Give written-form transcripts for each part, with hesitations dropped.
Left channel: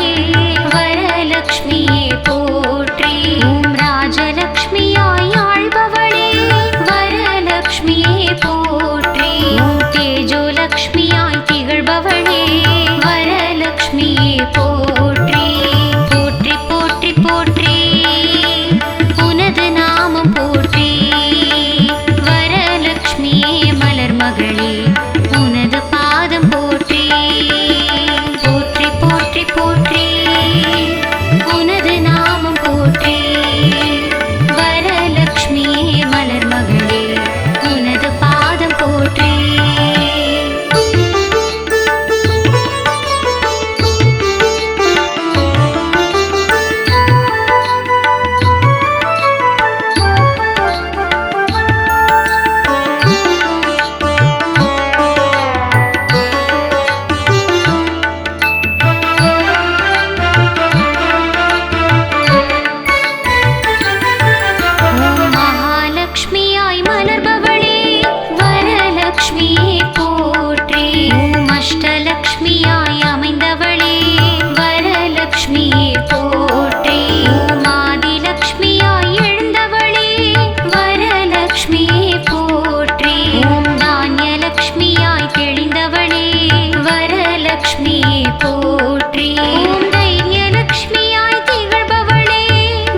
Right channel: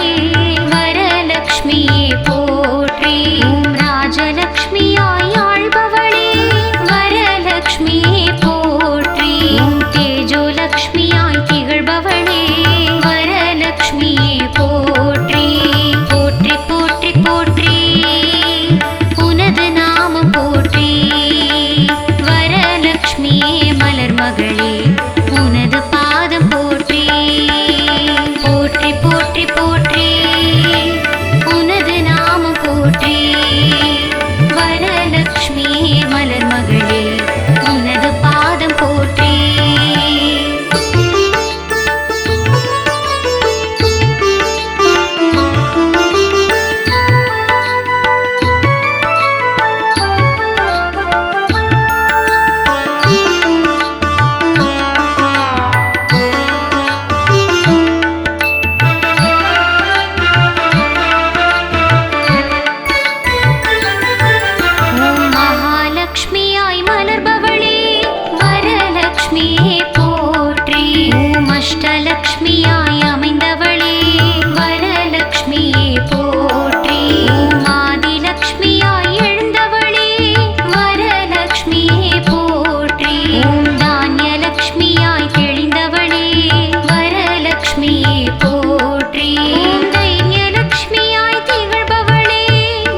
மலர்மகளே வரலக்ஷ்மியே போற்றி. ஓம் ராஜலக்ஷ்மியாய் ஆள்பவளே வரலக்ஷ்மியே போற்றி. ஓம் தேஜோலக்ஷ்மியாய் திகழ்பவளே வரலக்ஷ்மியே போற்றி. போற்றி போற்றி போற்றி உனது நாமம் போற்றி. வரலக்ஷ்மியே மலர்மகளே உனது பாதம் போற்றி. போற்றி போற்றி போற்றி உனது நாமம் போற்றி. வரலக்ஷ்மியே மலர்மகளே உனது பாதம் போற்றி. லக்ஷ்மியாய் மலர்பவளே வரலக்ஷ்மியே போற்றி. ஓம் அஷ்டலக்ஷ்மியாய் அமைந்தவளே வரலக்ஷ்மியே போற்றி. ஓம் ஆதிலக்ஷ்மியாய் எழுந்தவளே வரலக்ஷ்மியே போற்றி. ஓம் தானியலக்ஷ்மியாய் தெளிந்தவளே வரலக்ஷ்மியே போற்றி. ஓம் தைரியலக்ஷ்மியாய் திகழ்பவளே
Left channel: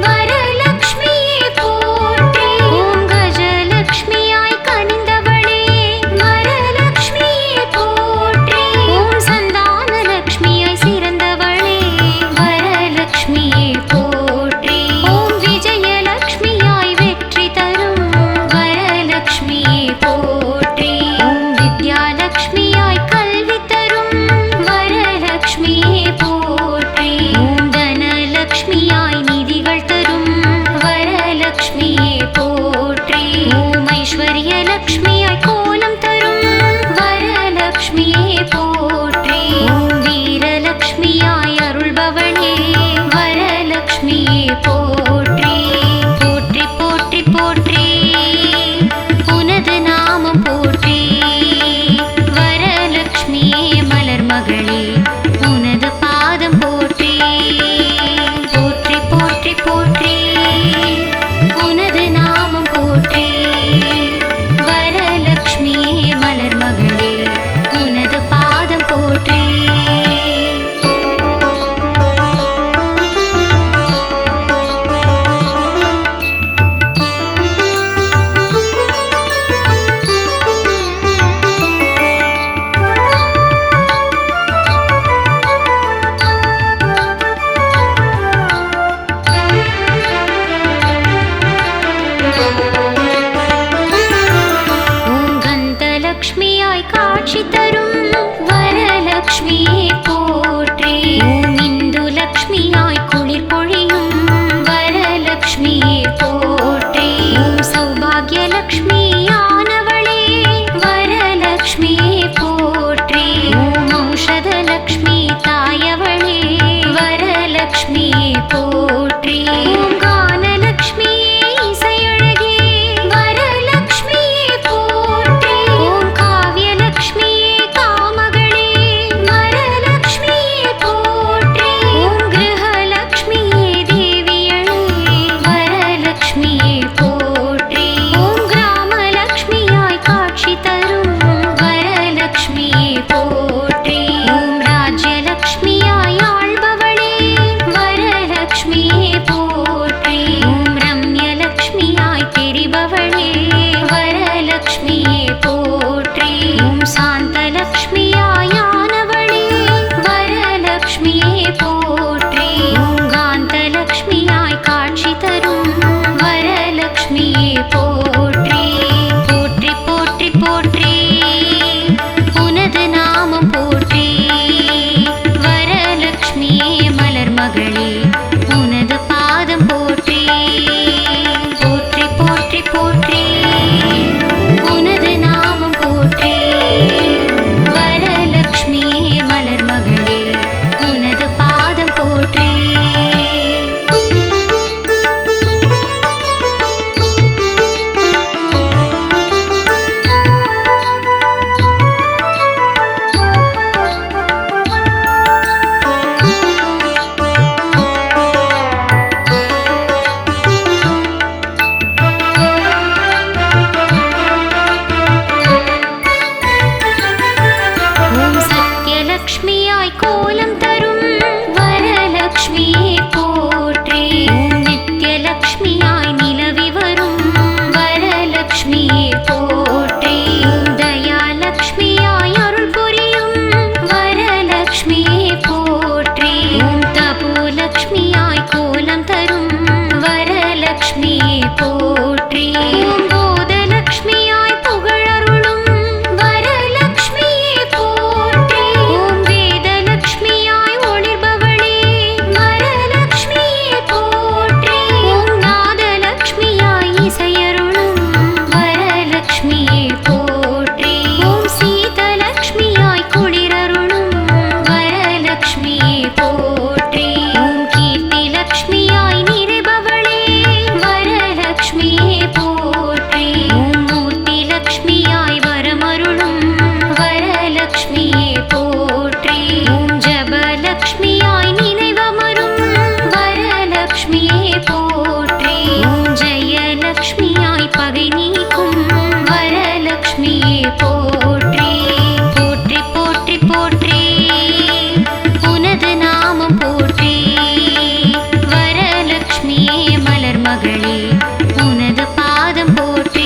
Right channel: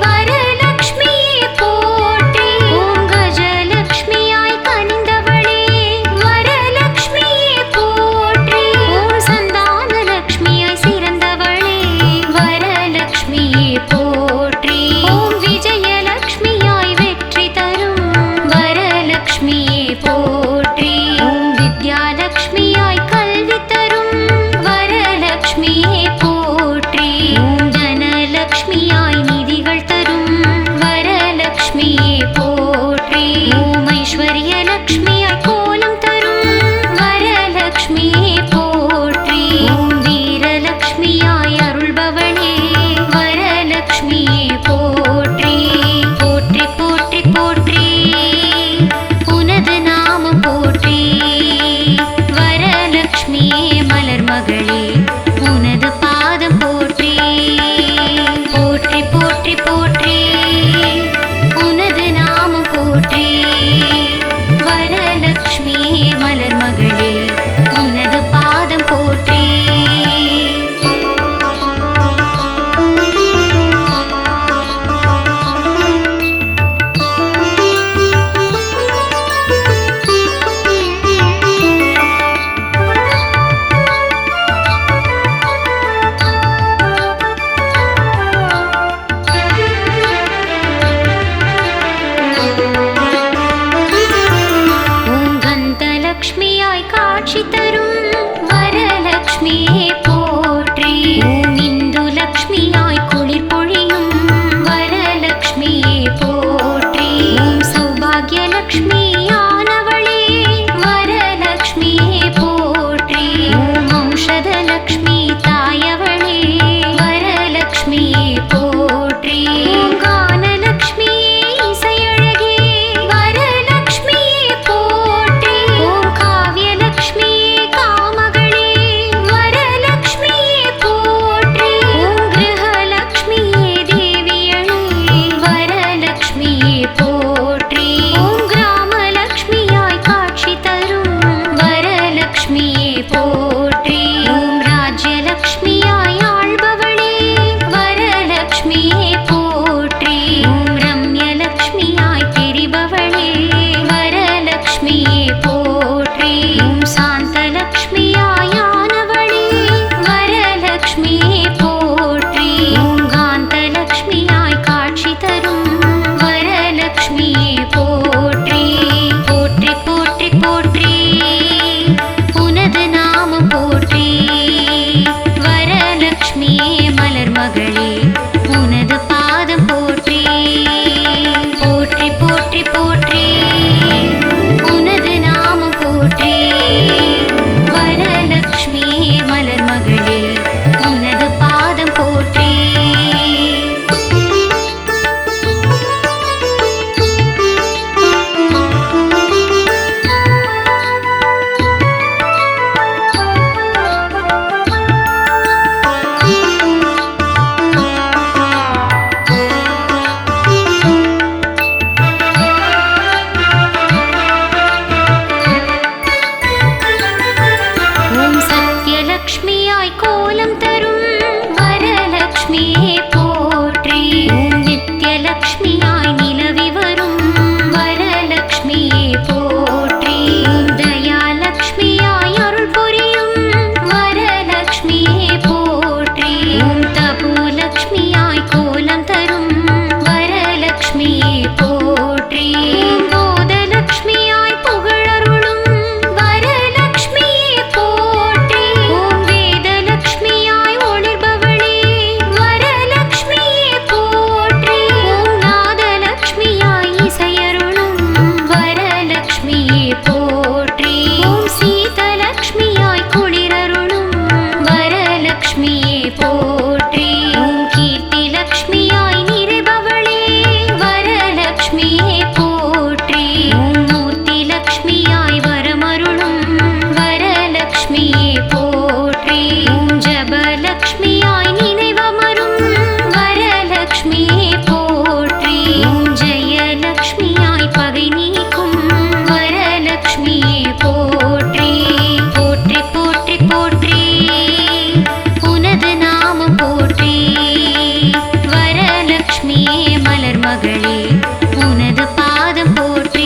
வரலக்ஷ்மியே போற்றி. ஓம் கஜலக்ஷ்மியாய் கனிந்தவளே வரலக்ஷ்மியே போற்றி. ஓம் சந்தானலக்ஷ்மியாய் சிறந்தவளே வரலக்ஷ்மியே போற்றி. ஓம் விஜயலக்ஷ்மியாய் வெற்றி தரும் வரலக்ஷ்மியே போற்றி. ஓம் வித்யாலக்ஷ்மியாய் கல்வி தரும் வரலக்ஷ்மியே போற்றி. ஓம் தனலக்ஷ்மியாய் நிதிகள் தரும் வரலக்ஷ்மியே போற்றி. ஓம் ஐஸ்வர்யலக்ஷ்மியாய் கோலம் தரும் வரலக்ஷ்மியே போற்றி. ஓம் வீரலக்ஷ்மியாய் அருள்பவளே வரலக்ஷ்மியே போற்றி. போற்றி போற்றி போற்றி உனது நாமம் போற்றி. வரலக்ஷ்மியே மலர்மகளே உனது பாதம் போற்றி. போற்றி போற்றி போற்றி உனது நாமம் போற்றி. வரலக்ஷ்மியே மலர்மகளே உனது பாதம் போற்றி. ஓம் கந்தலக்ஷ்மியாய் காட்சி தரும் வரலக்ஷ்மியே போற்றி. ஓம் இந்துலக்ஷ்மியாய் குளிர் பொழியும் வரலக்ஷ்மியே போற்றி. ஓம் சௌபாகியலக்ஷ்மியானவளே வரலக்ஷ்மியே போற்றி. ஓம் ஔஷதலக்ஷ்மி தாயவளே வரலக்ஷ்மியே போற்றி. ஓம் கானலக்ஷ்மியே இசையழகே வரலக்ஷ்மியே போற்றி. ஓம் காவ்யலக்ஷ்மியே காமகளே வரலக்ஷ்மியே போற்றி. ஓம் கிரகலக்ஷ்மியே தேவியளே வரலக்ஷ்மியே போற்றி. ஓம் கிராமலக்ஷ்மியாய் காட்சி தரும் வரலக்ஷ்மியே போற்றி. ஓம் ராஜ்யலக்ஷ்மியாய் ஆள்பவளே வரலக்ஷ்மியே போற்றி. ஓம் ரம்யலக்ஷ்மியாய் தெரிபவளே வரலக்ஷ்மியே போற்றி. ஓம் சாந்தலக்ஷ்மியாய் ஆனவளே வரலக்ஷ்மியே போற்றி. ஓம் காந்தலக்ஷ்மியாய் காட்சி தரும் வரலக்ஷ்மியே போற்றி. போற்றி போற்றி போற்றி உனது நாமம் போற்றி. வரலக்ஷ்மியே மலர்மகளே உனது பாதம் போற்றி. போற்றி போற்றி போற்றி உனது நாமம் போற்றி. வரலக்ஷ்மியே மலர்மகளே உனது பாதம் போற்றி. மகளே உனது பாதம் போற்றி.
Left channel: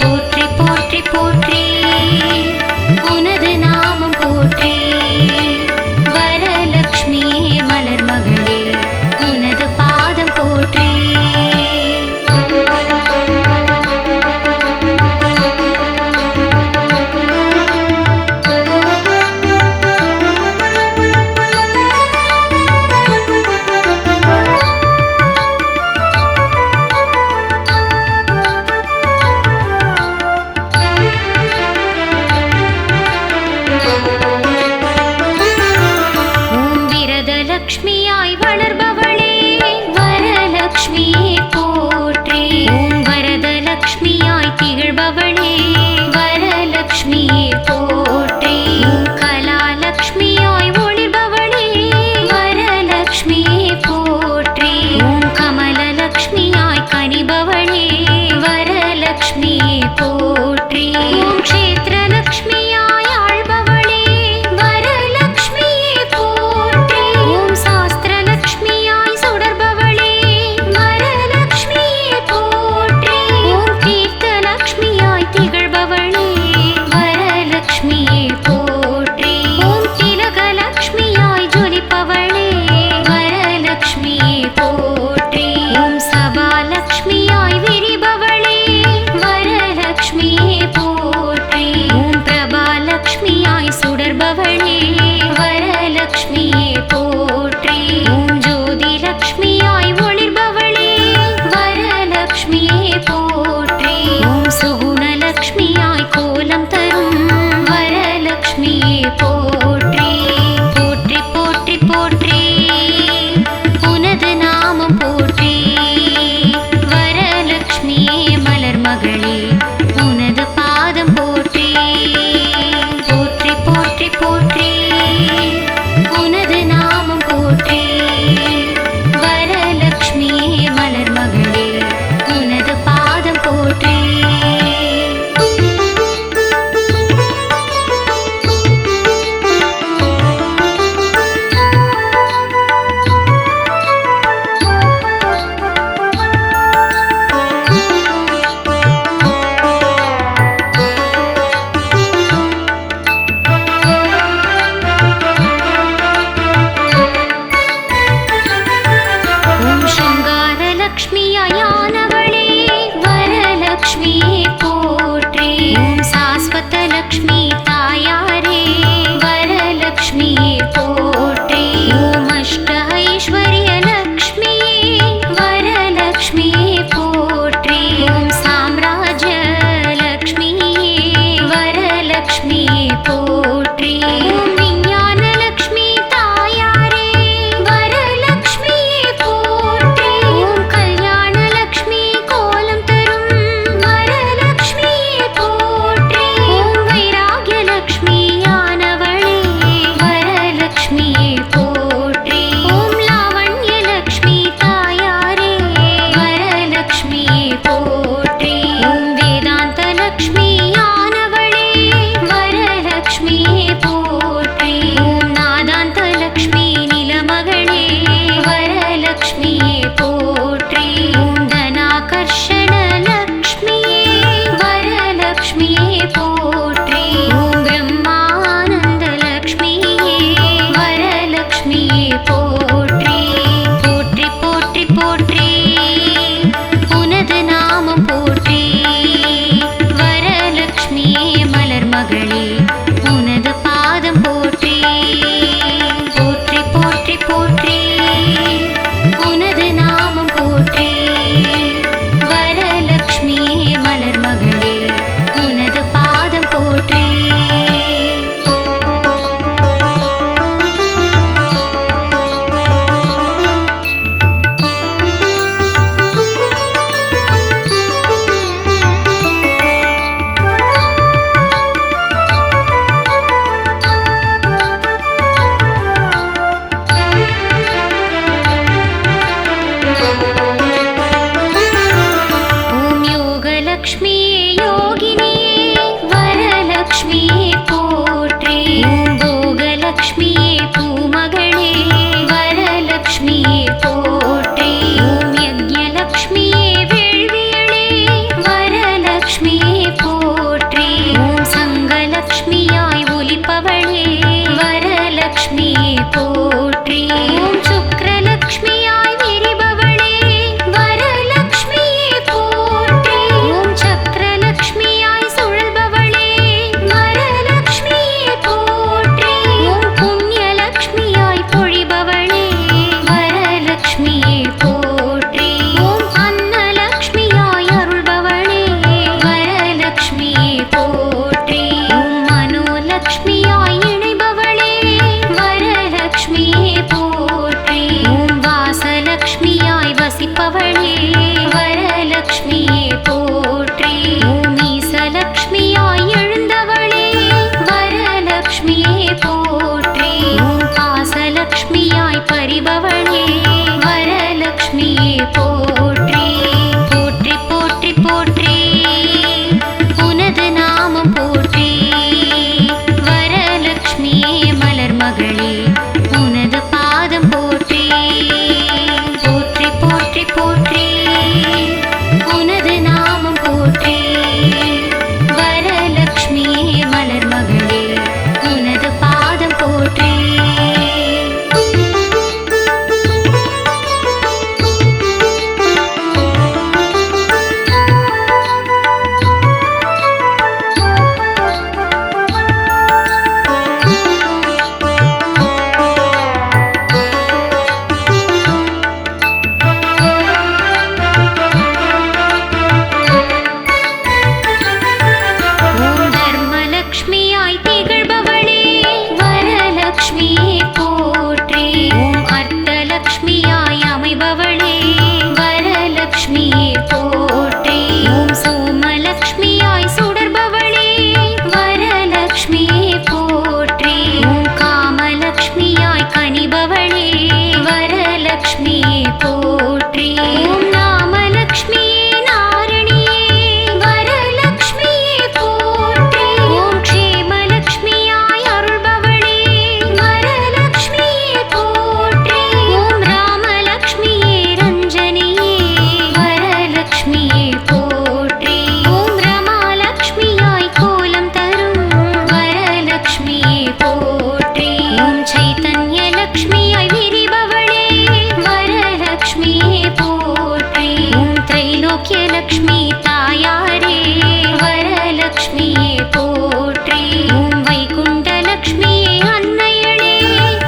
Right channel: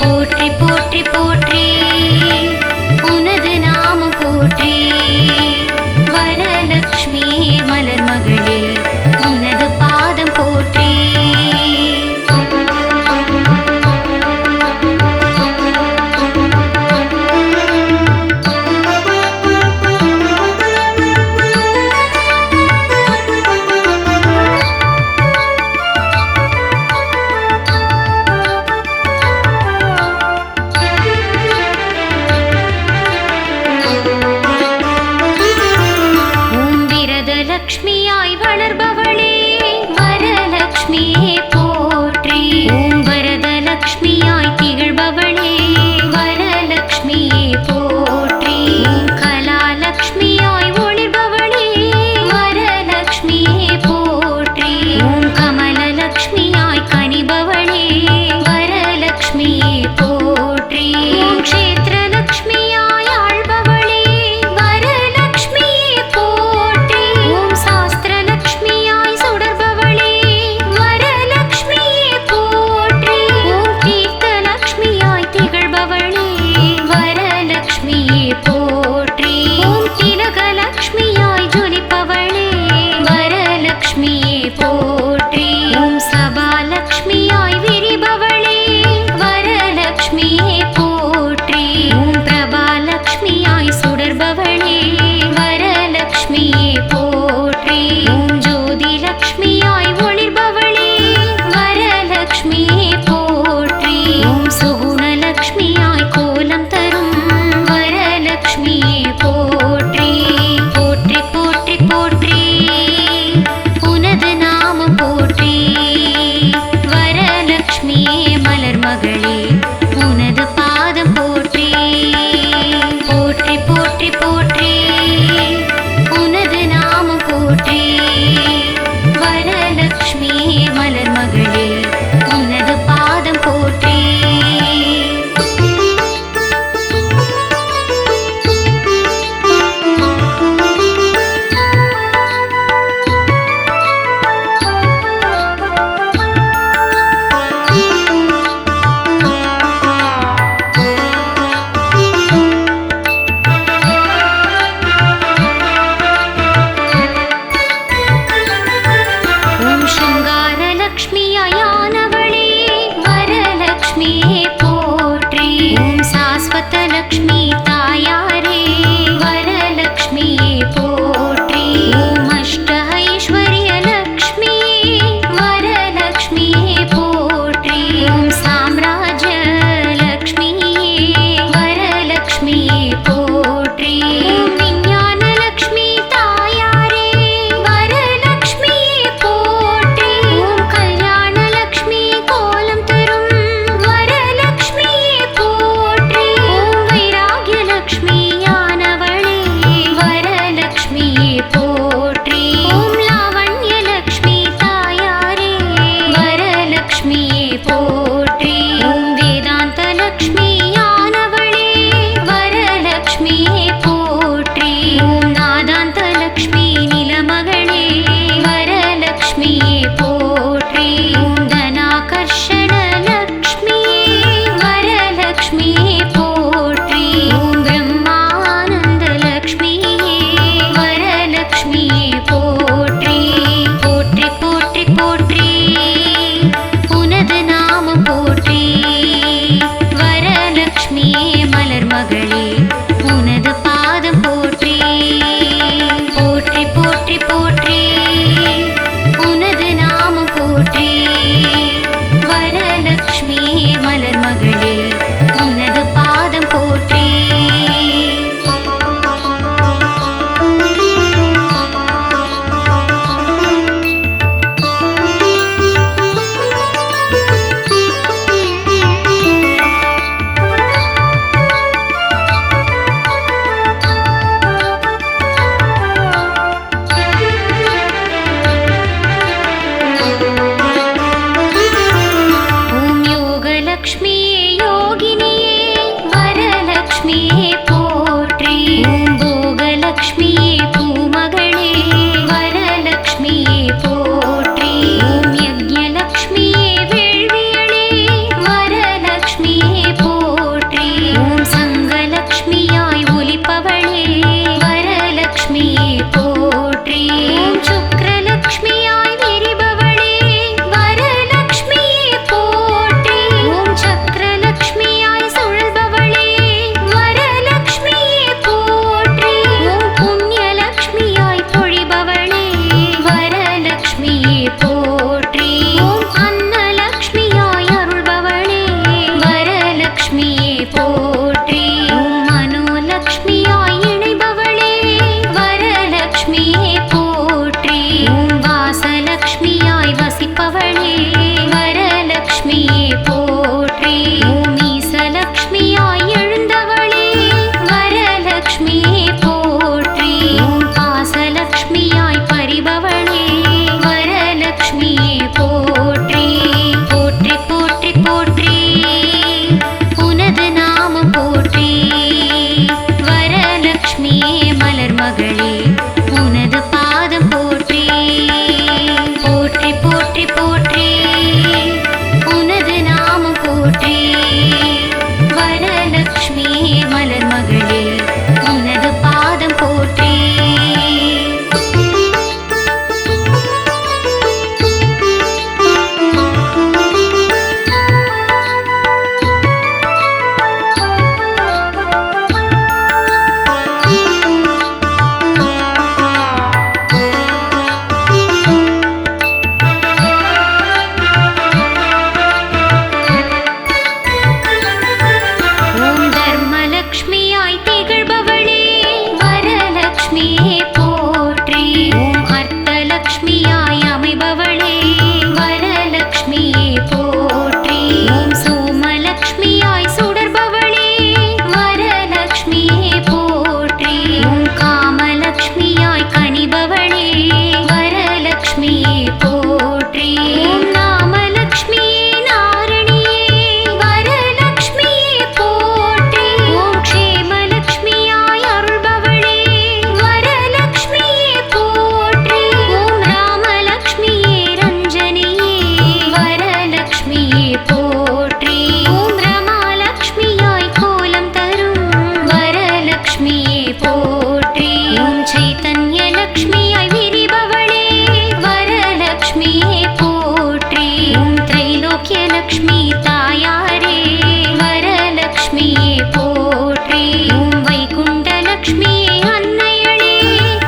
போற்றி போற்றி போற்றி உனது நாமம் போற்றி. வரலக்ஷ்மி மலர் மகளே உனது பாதம் போற்றி. லக்ஷ்மியாய் வளர்பவளே வரலக்ஷ்மியே போற்றி. ஓம் வரதலக்ஷ்மியாய் திகழ்பவளே வரலக்ஷ்மியே போற்றி. ஓம் கலாலக்ஷ்மியாய் ஒளிர்பவளே வரலக்ஷ்மியே போற்றி. ஓம் கமலலக்ஷ்மியாய் கனிபவளே வரலக்ஷ்மியே போற்றி. ஓம் க்ஷேத்ரலக்ஷ்மியாய் ஆள்பவளே வரலக்ஷ்மியே போற்றி. ஓம் சாஸ்திரலக்ஷ்மியாய் சுடர்பவளே வரலக்ஷ்மியே போற்றி. ஓம் தீர்த்தலக்ஷ்மியாய் திகழ்பவளே வரலக்ஷ்மியே போற்றி. ஓம் திலகலக்ஷ்மியாய் ஜொலிப்பவளே வரலக்ஷ்மியே போற்றி. ஓம் சபாலக்ஷ்மியாய் விரிபவளே வரலக்ஷ்மியே போற்றி. ஓம் பிரபாலக்ஷ்மியாய் சுடர்பவளே வரலக்ஷ்மியே போற்றி. ஓம் ஜோதிலக்ஷ்மியாய் ஒளிர்பவளே வரலக்ஷ்மியே போற்றி. ஓம் சுகுணலக்ஷ்மியாய் கோலம் தரும் வரலக்ஷ்மியே போற்றி. போற்றி போற்றி போற்றி உனது நாமம் போற்றி. வரலக்ஷ்மியே மலர் மகளே உனது பாதம் போற்றி. போற்றி போற்றி போற்றி உனது நாமம் போற்றி. வரலக்ஷ்மியே மலர் மகளே உனது பாதம் போற்றி. ஓம் சிங்காரலக்ஷ்மியானவளே வரலக்ஷ்மியே போற்றி. ஓம் சாஸ்வதலக்ஷ்மி தாயாரே வரலக்ஷ்மியே போற்றி. ஓம் அஷ்ட ஐஸ்வர்யலக்ஷ்மியே வரலக்ஷ்மியே போற்றி. ஓம் சாம்ராஜ்யலக்ஷ்மியே வரலக்ஷ்மியே போற்றி. ஓம் விஞ்ஞானலக்ஷ்மி தாயாரே வரலக்ஷ்மியே போற்றி. ஓம் கல்யாணலக்ஷ்மி கோலம் தரும் வரலக்ஷ்மியே போற்றி. ஓம் வைராகியலக்ஷ்மியானவளே வரலக்ஷ்மியே போற்றி. ஓம் லாவண்யலக்ஷ்மி தாயாரே வரலக்ஷ்மியே போற்றி. ஓம் வேதாந்தலக்ஷ்மியானவளே வரலக்ஷ்மியே போற்றி. ஓம் நாதாந்தலக்ஷ்மி நிலமகளே வரலக்ஷ்மியே போற்றி. ஓம் தனாகர்ஷணலக்ஷ்மியே வரலக்ஷ்மியே போற்றி. ஓம் பிரம்மானந்தலக்ஷ்மியே வரலக்ஷ்மியே போற்றி. போற்றி போற்றி போற்றி உனது நாமம் போற்றி. வரலக்ஷ்மியே மலர் மகளே உனது பாதம் போற்றி. போற்றி போற்றி போற்றி உனது நாமம் போற்றி. வரலக்ஷ்மியே மலர் மகளே உனது பாதம் போற்றி. ஓம் யோகலக்ஷ்மியே யோகினியே வரலக்ஷ்மியே போற்றி. ஓம் போகலக்ஷ்மியே பூமகளே வரலக்ஷ்மியே போற்றி. ஓம் யக்ஞ லக்ஷ்மியாய் வசிப்பவளே வரலக்ஷ்மியே போற்றி. மீசலக்ஷ்மியாய் எழுந்தவளே வரலக்ஷ்மியே போற்றி. பாசலக்ஷ்மியாய் பரிபவளே வரலக்ஷ்மியே போற்றி. போற்றி போற்றி போற்றி உனது நாமம் போற்றி. வரலக்ஷ்மியே மலர் மகளே உனது பாதம் போற்றி. போற்றி போற்றி போற்றி உனது நாமம் போற்றி. வரலக்ஷ்மியே மலர் மகளே உனது பாதம் போற்றி. லக்ஷ்மியாய் திகழ்பவளே வரலக்ஷ்மியே போற்றி. அர்த்தலக்ஷ்மியாய் அமைபவளே வரலக்ஷ்மியே போற்றி. சோமலக்ஷ்மியாய் சுடர்பவளே வரலக்ஷ்மியே போற்றி. காமலக்ஷ்மியாய் கனிபவளே வரலக்ஷ்மியே போற்றி. நாமலக்ஷ்மியே நாரணியே வரலக்ஷ்மியே போற்றி. க்ஷேமலக்ஷ்மியாய் அருள்பவளே வரலக்ஷ்மியே போற்றி. ராமலக்ஷ்மியே ரஞ்சனியே வரலக்ஷ்மியே போற்றி. ரமாலக்ஷ்மியாய் கோலம் தரும் வரலக்ஷ்மியே போற்றி. சைதன்யலக்ஷ்மியாய் விரிபவளே வரலக்ஷ்மியே போற்றி. த்ரைலோக்கியலக்ஷ்மி தாயாரே வரலக்ஷ்மியே போற்றி. வைகுண்டலக்ஷ்மியே அன்னையளே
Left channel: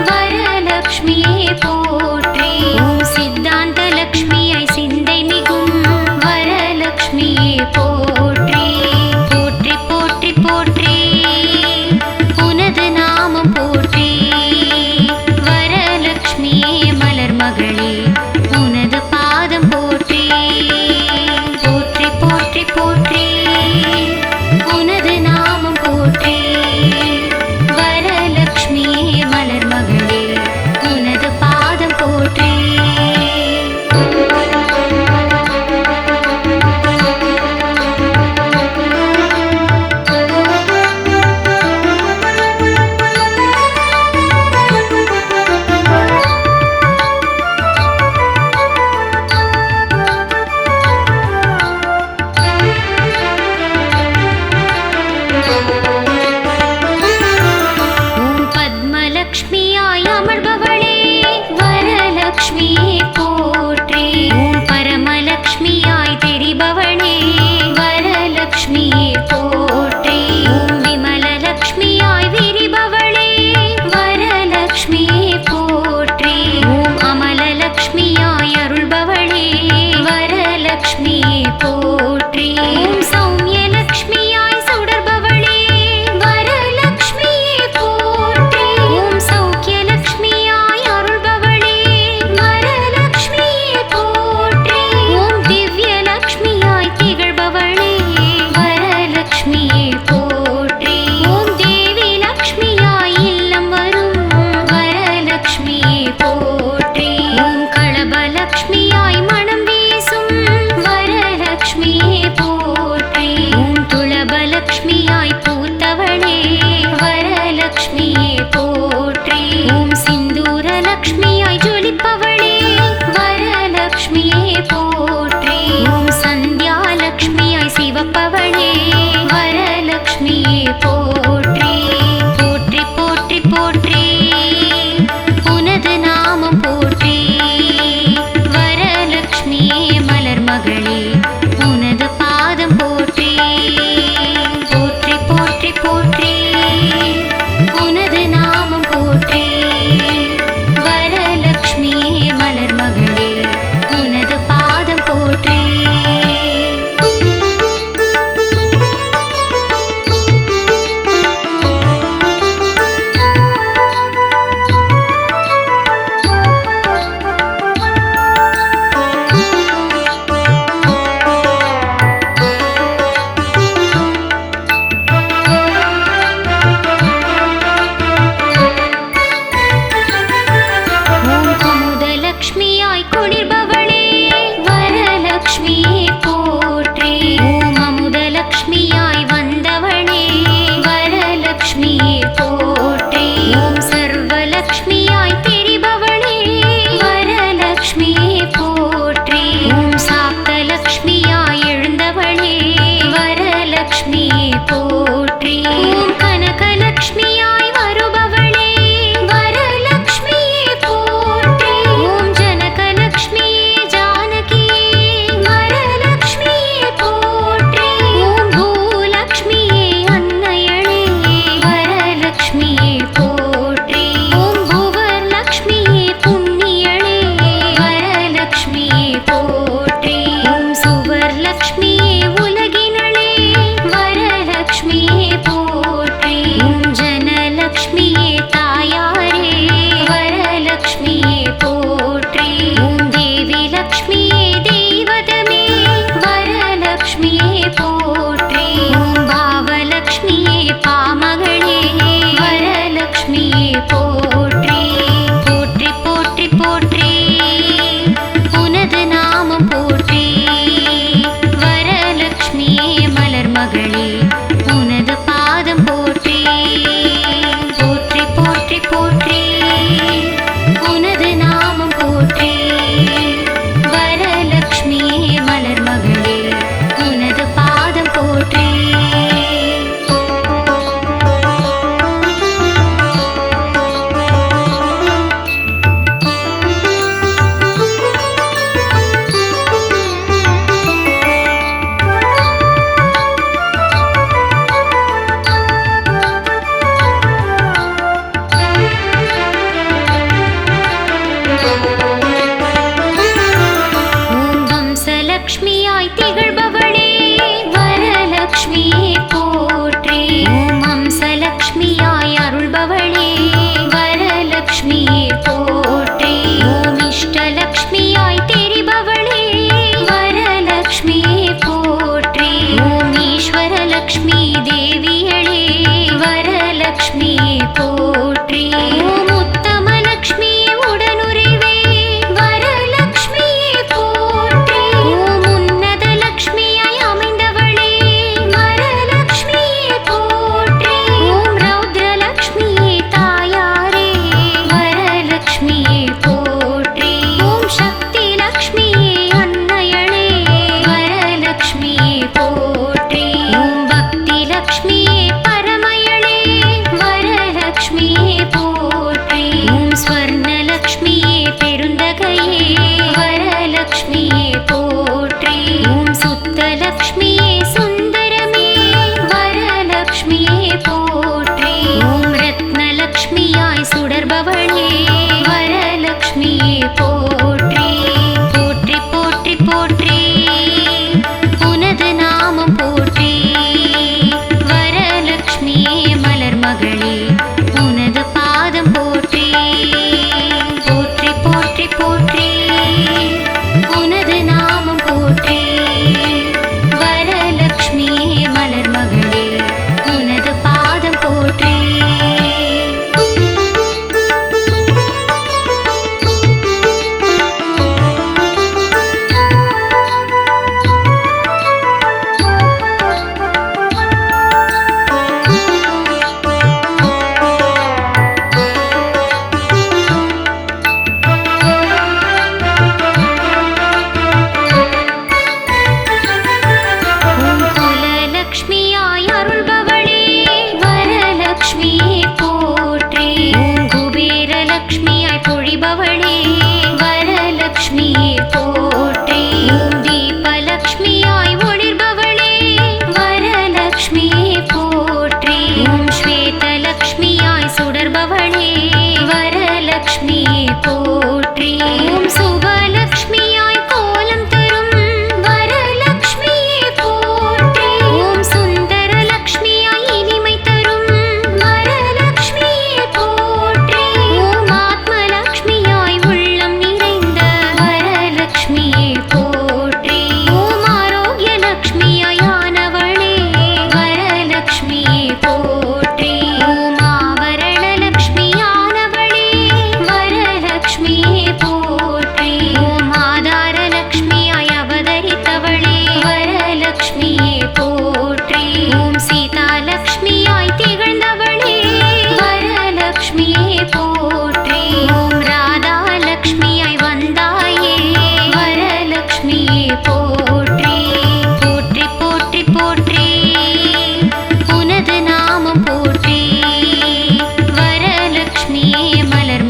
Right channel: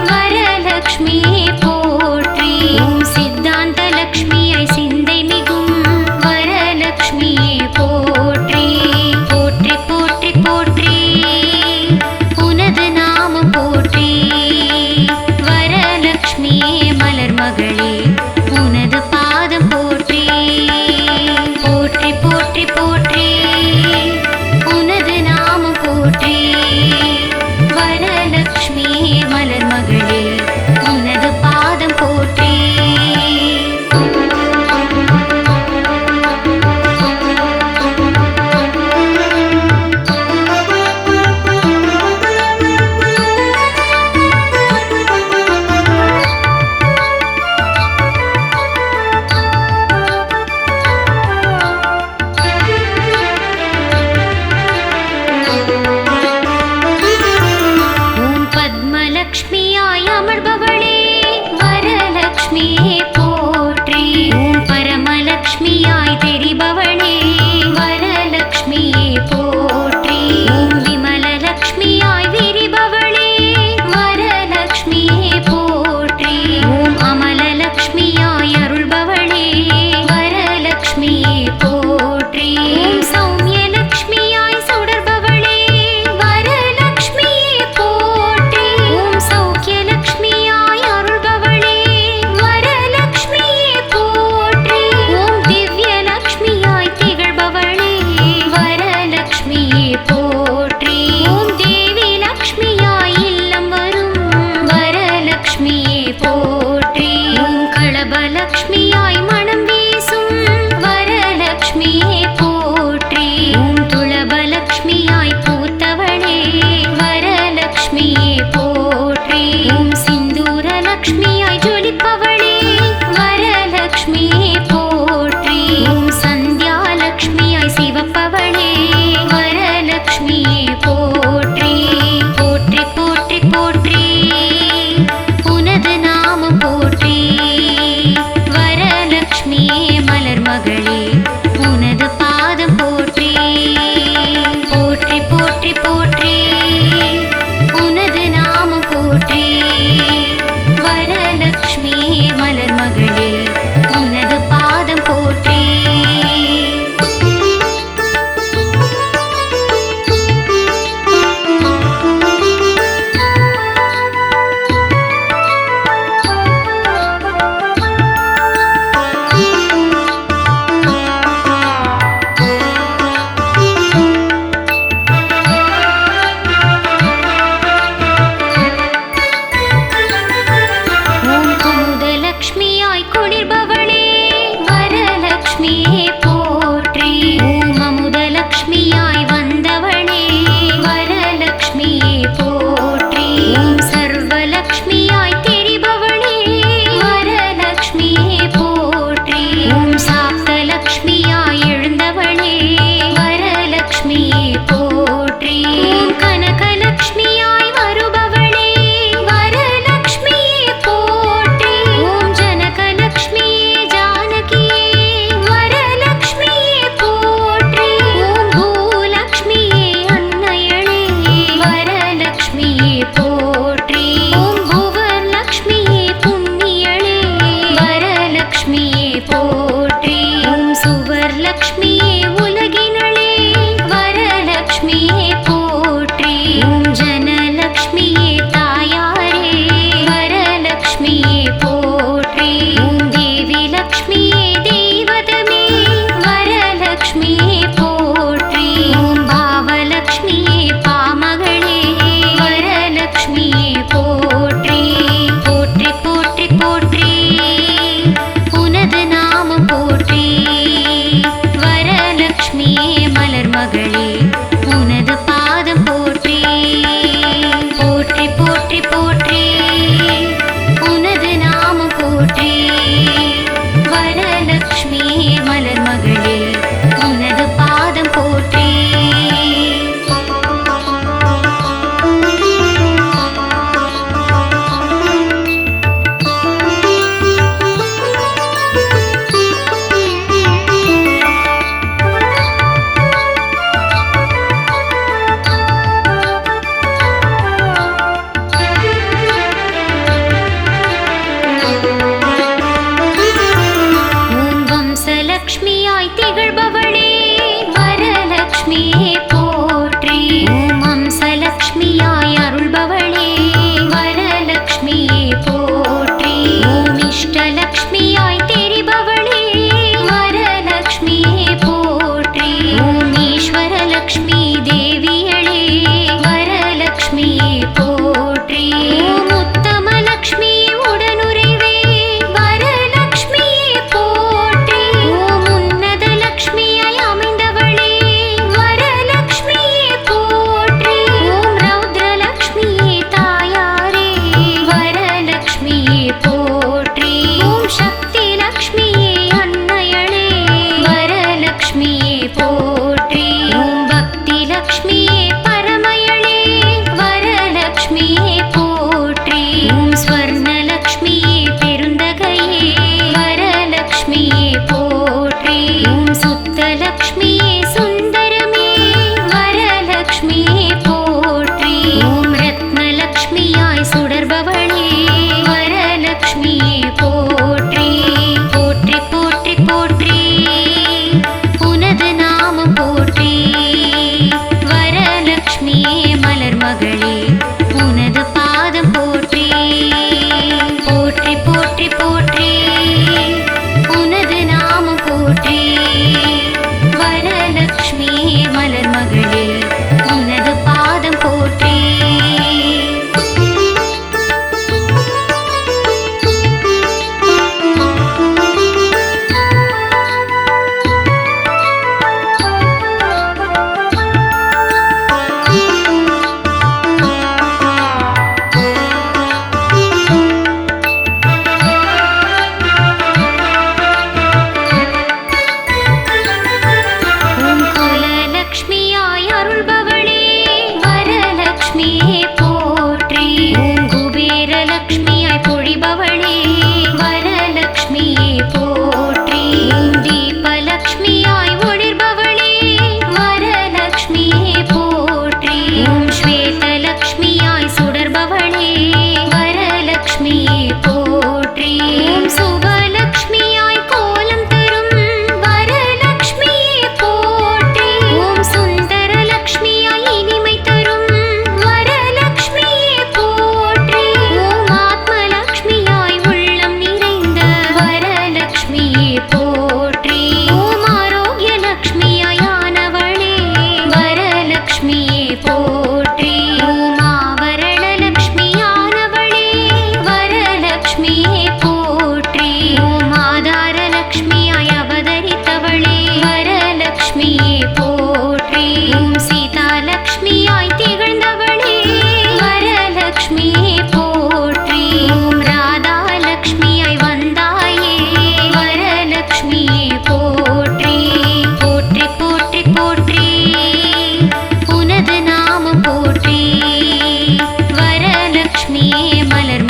வரலக்ஷ்மியே போற்றி. சித்தாந்தலக்ஷ்மியாய் சிந்தை மிகும் வரலக்ஷ்மியே போற்றி. போற்றி போற்றி போற்றி உனது நாமம் போற்றி. வரலக்ஷ்மியே மலர் மகளே உனது பாதம் போற்றி. போற்றி போற்றி போற்றி உனது நாமம் போற்றி. வரலக்ஷ்மியே மலர் மகளே உனது பாதம் போற்றி. பத்மலக்ஷ்மியாய் அமர்பவளே வரலக்ஷ்மியே போற்றி. பரமலக்ஷ்மியாய் தெரிபவளே வரலக்ஷ்மியே போற்றி. விமலலக்ஷ்மியாய் விரிபவளே வரலக்ஷ்மியே போற்றி. அமலலக்ஷ்மியாய் அருள்பவளே வரலக்ஷ்மியே போற்றி. சௌமியலக்ஷ்மியாய் சுடர்பவளே வரலக்ஷ்மியே போற்றி. சௌக்கியலக்ஷ்மியாய் அருள்பவளே வரலக்ஷ்மியே போற்றி. திவ்யலக்ஷ்மியாய் திகழ்பவளே வரலக்ஷ்மியே போற்றி. தேவி லக்ஷ்மியாய் இல்லம் வரும் வரலக்ஷ்மியே போற்றி. களபலக்ஷ்மியாய் மனம் வீசும் வரலக்ஷ்மியே போற்றி. துளபலக்ஷ்மியாய் பூத்தவளே வரலக்ஷ்மியே போற்றி. சிந்தூரலக்ஷ்மியாய் ஜொலிப்பவளே வரலக்ஷ்மியே போற்றி. சந்தியாலக்ஷ்மியாய் சிவப்பவளே வரலக்ஷ்மியே போற்றி. போற்றி போற்றி போற்றி உனது நாமம் போற்றி. வரலக்ஷ்மியே மலர் மகளே உனது பாதம் போற்றி. போற்றி போற்றி போற்றி உனது நாமம் போற்றி. வரலக்ஷ்மியே மலர் மகளே உனது பாதம் போற்றி. லக்ஷ்மியாய் குளிர்பவளே வரலக்ஷ்மியே போற்றி. ஓம் அமுதலக்ஷ்மியாய் வந்தவளே வரலக்ஷ்மியே போற்றி. ஓம் சர்வலக்ஷ்மியாய் தெரிபவளே வரலக்ஷ்மியே போற்றி. ஓம் சாப்தலக்ஷ்மியாய் எழுந்தவளே வரலக்ஷ்மியே போற்றி. ஓம் கனகலக்ஷ்மியாய் வருபவளே வரலக்ஷ்மியே போற்றி. ஓம் ஜனகலக்ஷ்மியே ஜானகியே வரலக்ஷ்மியே போற்றி. ஓம் பூலக்ஷ்மியே அன்னையளே வரலக்ஷ்மியே போற்றி. ஓம் புவர்லக்ஷ்மியே புண்ணியளே வரலக்ஷ்மியே போற்றி. ஓம் சுவர்லக்ஷ்மியே உலகினளே வரலக்ஷ்மியே போற்றி. ஓம் ஜனலக்ஷ்மியே தாயாரே வரலக்ஷ்மியே போற்றி. ஓம் தேவி லக்ஷ்மியே தெய்வதமே வரலக்ஷ்மியே போற்றி. ஓம் பாவலக்ஷ்மியே பாமகளே வரலக்ஷ்மியே போற்றி. போற்றி போற்றி போற்றி உனது நாமம் போற்றி. வரலக்ஷ்மியே மலர் மகளே உனது பாதம் போற்றி. போற்றி போற்றி போற்றி உனது நாமம் போற்றி. வரலக்ஷ்மியே மலர் மகளே உனது பாதம் போற்றி. ஓம் வம்சலக்ஷ்மியாய் திகழ்பவளே வரலக்ஷ்மியே போற்றி. ஓம் ஹம்சலக்ஷ்மியாய் அருள்பவளே வரலக்ஷ்மியே போற்றி. ஓம் இஷ்டலக்ஷ்மியாய் தெரிபவளே வரலக்ஷ்மியே போற்றி. ஓம் ஈஸ்வரலக்ஷ்மி தேவியளே வரலக்ஷ்மியே போற்றி. ஓம் உத்தமலக்ஷ்மி உடனுறைவே வரலக்ஷ்மியே போற்றி. ஓம் உன்னத லக்ஷ்மியாய் அமைந்தவளே வரலக்ஷ்மியே போற்றி. ஓம் ரௌத்ரலக்ஷ்மியே தாயாரே வரலக்ஷ்மியே போற்றி. ஓம் சக்தி லக்ஷ்மியே அன்னையளே வரலக்ஷ்மியே போற்றி. ஓம் பக்தி லக்ஷ்மியே பரமயளே வரலக்ஷ்மியே போற்றி. ஓம் ஸ்வர்ணலக்ஷ்மியே பெருந்தகையே வரலக்ஷ்மியே போற்றி. ஓம் சுத்தலக்ஷ்மியே சுந்தரமே வரலக்ஷ்மியே போற்றி. ஓம் ரத்னலக்ஷ்மியாய் சுடர்பவளே வரலக்ஷ்மியே போற்றி. போற்றி போற்றி போற்றி உனது நாமம் போற்றி. வரலக்ஷ்மியே மலர் மகளே உனது பாதம் போற்றி. போற்றி போற்றி போற்றி உனது நாமம் போற்றி. வரலக்ஷ்மியே மலர் மகளே உனது பாதம் போற்றி.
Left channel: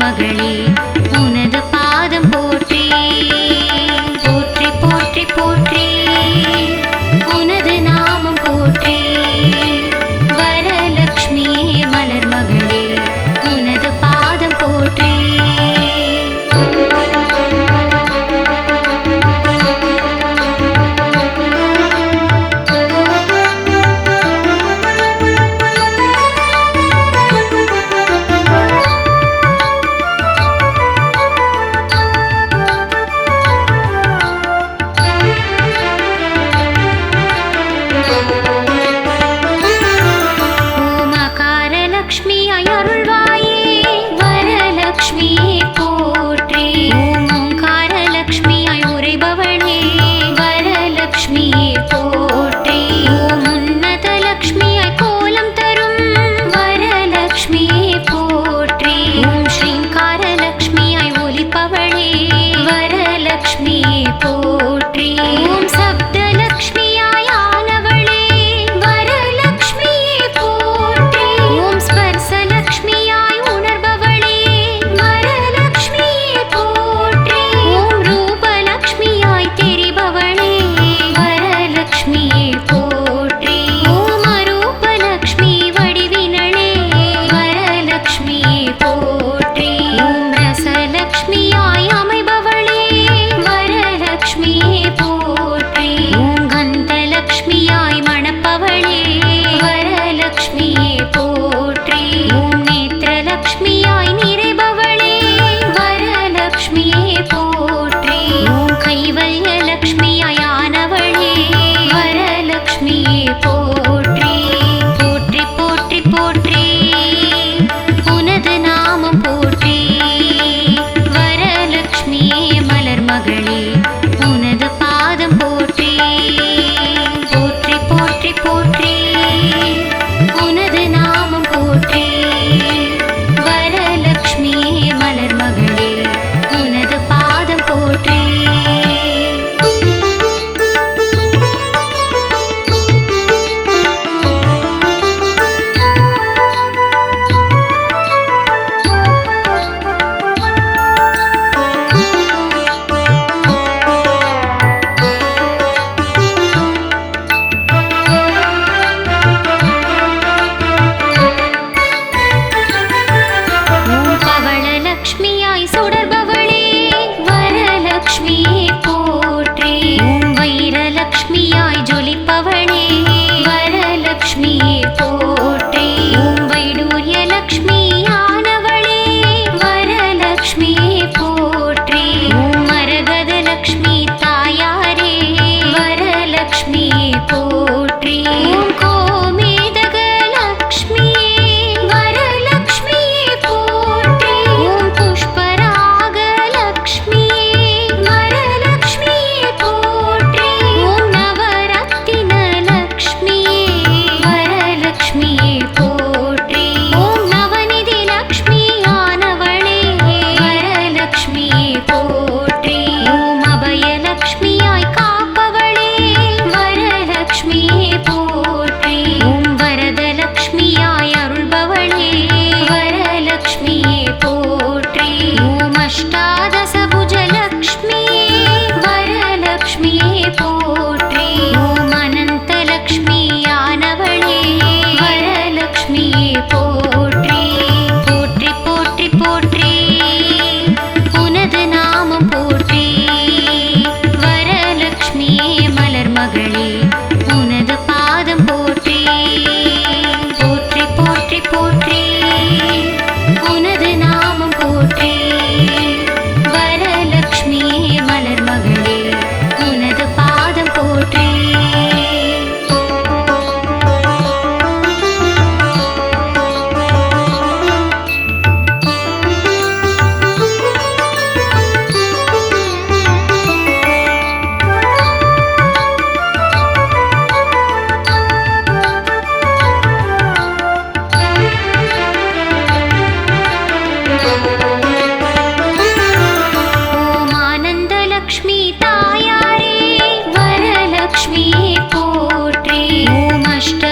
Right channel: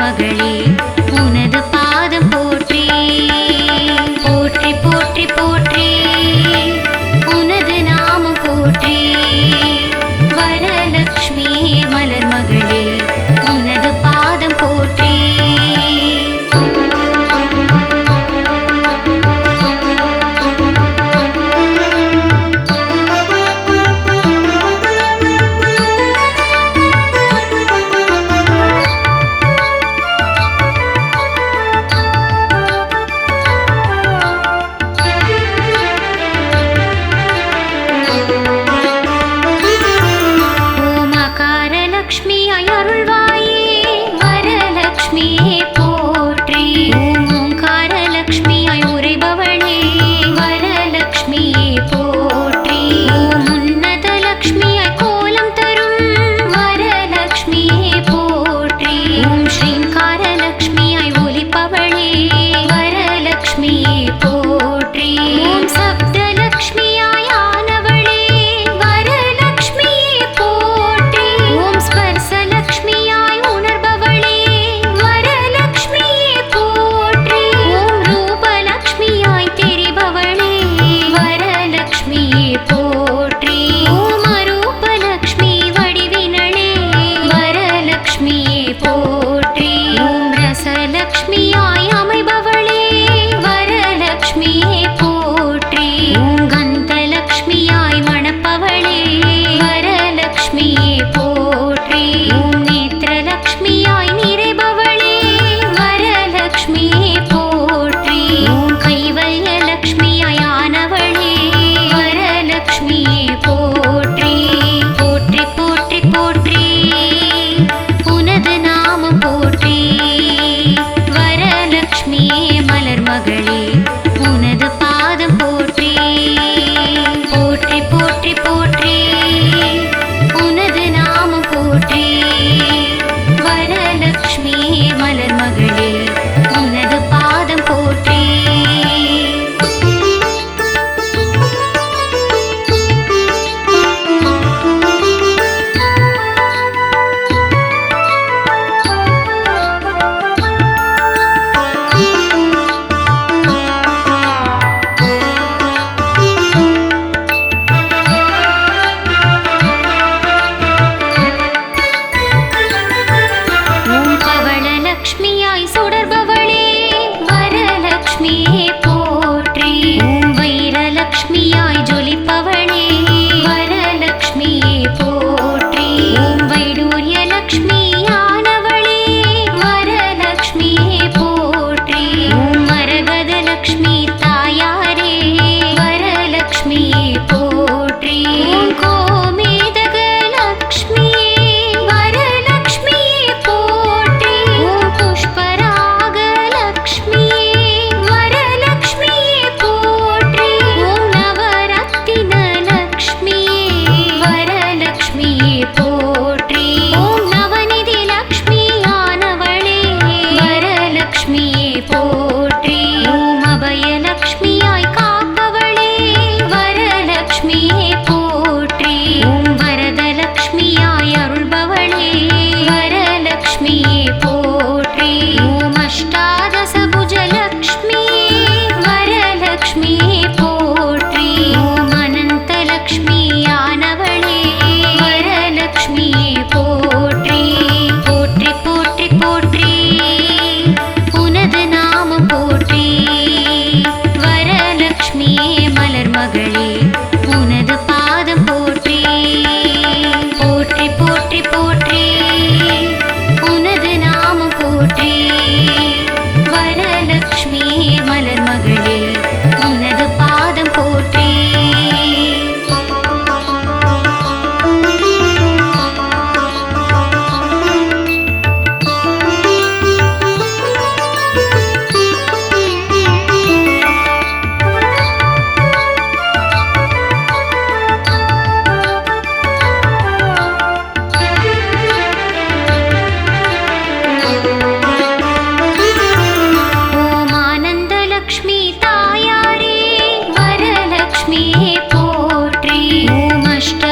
மகளே உனது பாதம் போற்றி போற்றி போற்றி போற்றி உனது நாமம் போற்றி வரலக்ஷ்மி மலர் மகளே உனது பாதம் போற்றி லக்ஷ்மி அருள்வாயே வரலக்ஷ்மி போற்றி ஓம் ஓங்கார லக்ஷ்மி உரைபவளே வரலக்ஷ்மி போற்றி ஓம் உன்னத லக்ஷ்மி கோலம் தரும் வரலக்ஷ்மி போற்றி ஓம் ஸ்ரீங்கார லக்ஷ்மி ஒலிப்பவளே வரலக்ஷ்மி போற்றி ஓம் சப்த லக்ஷ்மியாய் ஆனவளே வரலக்ஷ்மி போற்றி ஓம் ஸ்பர்ச லக்ஷ்மியாய் உணர்பவளே வரலக்ஷ்மி போற்றி ஓம் ரூப லக்ஷ்மியாய் தெரிபவளே வரலக்ஷ்மி போற்றி ஓம் அரூப லக்ஷ்மி வடிவினளே வரலக்ஷ்மி போற்றி ஓம் ரசலக்ஷ்மியாய் அமைபவளே வரலக்ஷ்மி போற்றி ஓம் கந்தலக்ஷ்மியாய் மணப்பவளே வரலக்ஷ்மி போற்றி ஓம் நேத்ரலக்ஷ்மியாய் நிறைபவளே வரலக்ஷ்மி போற்றி ஓம் கைவல்ய லக்ஷ்மியாய் ஆனவளே வரலக்ஷ்மி போற்றி போற்றி போற்றி போற்றி உனது நாமம் போற்றி வரலக்ஷ்மி மலர் மகளே உனது பாதம் போற்றி போற்றி போற்றி போற்றி உனது நாமம் போற்றி வரலக்ஷ்மி மலர் மகளே உனது பாதம் போற்றி லக்ஷ்மியாய் சுடர்பவளே வரலக்ஷ்மி போற்றி ஓம் வைரலக்ஷ்மியாய் ஜொலிப்பவளே வரலக்ஷ்மி போற்றி ஓம் வைடூர்ய லக்ஷ்மியானவளே வரலக்ஷ்மி போற்றி ஓம் மரகத லக்ஷ்மி தாயாரே வரலக்ஷ்மி போற்றி ஓம் கோமேதக லக்ஷ்மியே வரலக்ஷ்மி போற்றி ஓம் புஷ்பராக லக்ஷ்மியே வரலக்ஷ்மி போற்றி ஓம் நவரத்தின லக்ஷ்மியே வரலக்ஷ்மி போற்றி ஓம் நவநிதி லக்ஷ்மியானவளே வரலக்ஷ்மி போற்றி ஓம் அபயலக்ஷ்மியாய் காப்பவளே வரலக்ஷ்மி போற்றி ஓம் வரதலக்ஷ்மியாய் அருள்பவளே வரலக்ஷ்மி போற்றி ஓம் அஷ்டாதச புஜலக்ஷ்மியே வரலக்ஷ்மி போற்றி ஓம் அனந்தலக்ஷ்மியானவளே வரலக்ஷ்மி போற்றி போற்றி போற்றி போற்றி உனது நாமம் போற்றி வரலக்ஷ்மி மலர் மகளே உனது பாதம் போற்றி போற்றி போற்றி போற்றி உனது நாமம் போற்றி வரலக்ஷ்மி மலர் மகளே உனது பாதம் போற்றி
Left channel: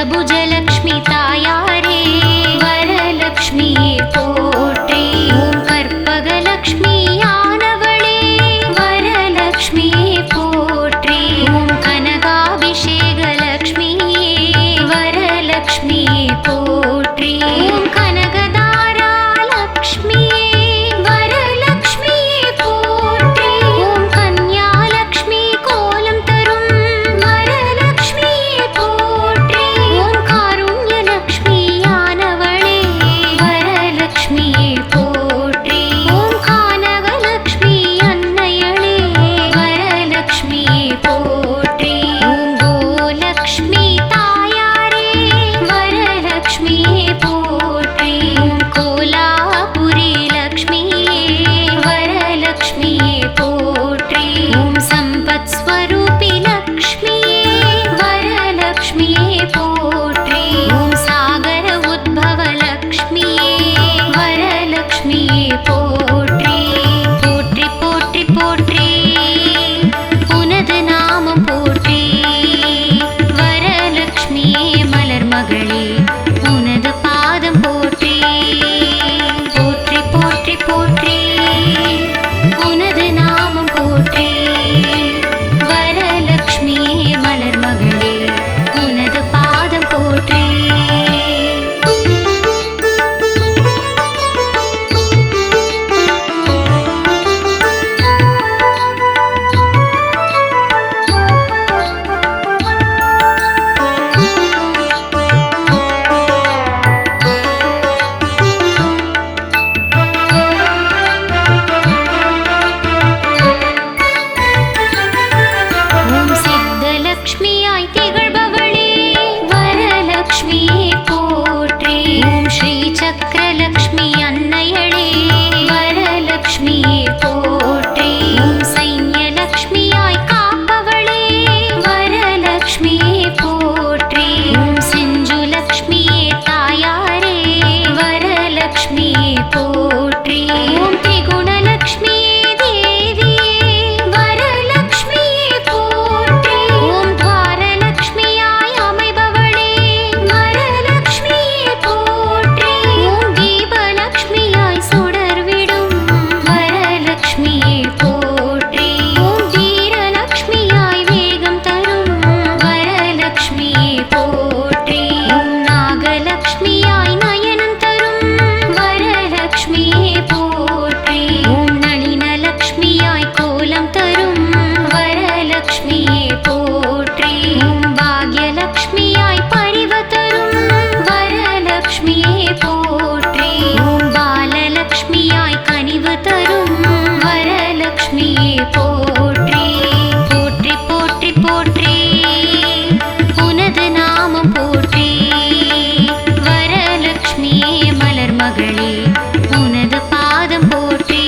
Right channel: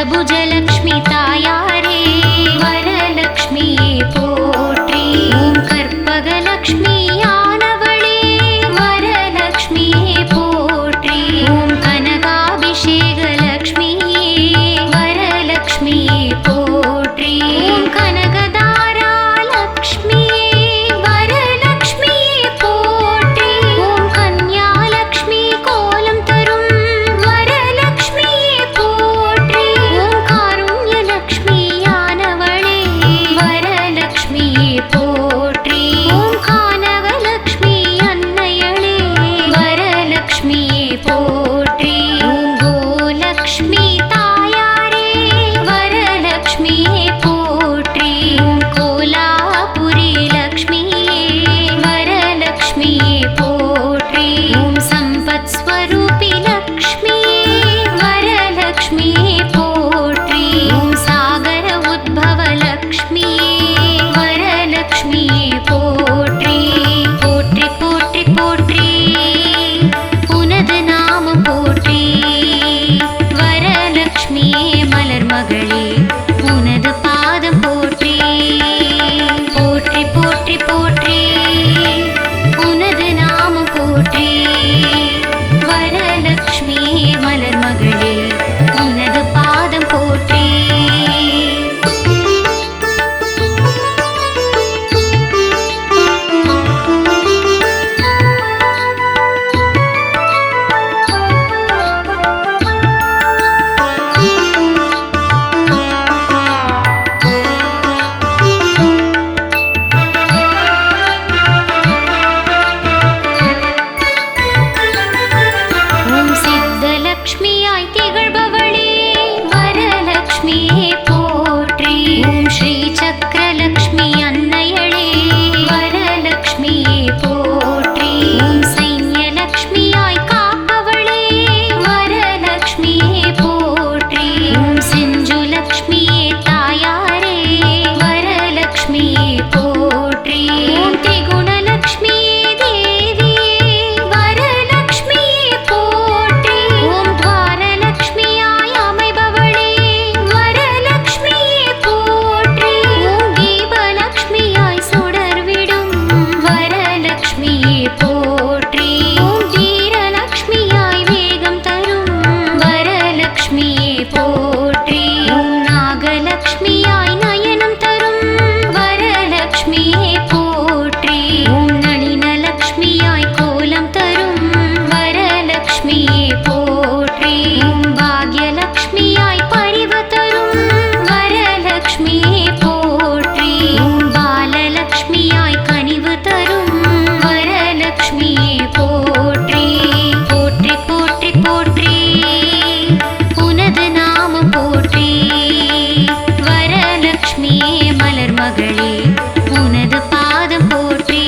भुजलक्ष्मी तायारे वरलक्ष्मी पोट्री ओम कर्प வரலக்ஷ்மியே போற்றி. ஓம் சம்பத் ஸ்வரூபி லக்ஷ்மியே வரலக்ஷ்மியே போற்றி. ஓம் சாகர உத்பவ லக்ஷ்மியே வரலக்ஷ்மியே போற்றி. போற்றி போற்றி போற்றி உனது நாமம் போற்றி. வரலக்ஷ்மியே மலர் மகளே உனது பாதம் போற்றி. போற்றி போற்றி போற்றி உனது நாமம் போற்றி. வரலக்ஷ்மியே மலர் மகளே உனது பாதம் போற்றி. லக்ஷ்மியாய் திகழ்பவளே வரலக்ஷ்மியே போற்றி. ஓம் ஸ்ரீ சக்கரலக்ஷ்மி அன்னையளே வரலக்ஷ்மியே போற்றி. ஓம் சைன்யலக்ஷ்மியாய் காப்பவளே வரலக்ஷ்மியே போற்றி. ஓம் செஞ்சுலக்ஷ்மியே தாயாரே வரலக்ஷ்மியே போற்றி. ஓம் திரிகுணலக்ஷ்மியே லக்ஷ்மியாய் நயனம் தரும் வரலக்ஷ்மியே போற்றி. ஓம் நளின லக்ஷ்மியாய் கோலம் தரும் வரலக்ஷ்மியே போற்றி. ஓம் பாக்யலக்ஷ்மியாய் பரிவு தரும் வரலக்ஷ்மியே போற்றி. ஓம் பாலலக்ஷ்மியாய் கனிவு தரும் வரலக்ஷ்மியே போற்றி. போற்றி போற்றி போற்றி உனது நாமம் போற்றி. வரலக்ஷ்மியே மலர் மகளே உனது பாதம் போற்றி.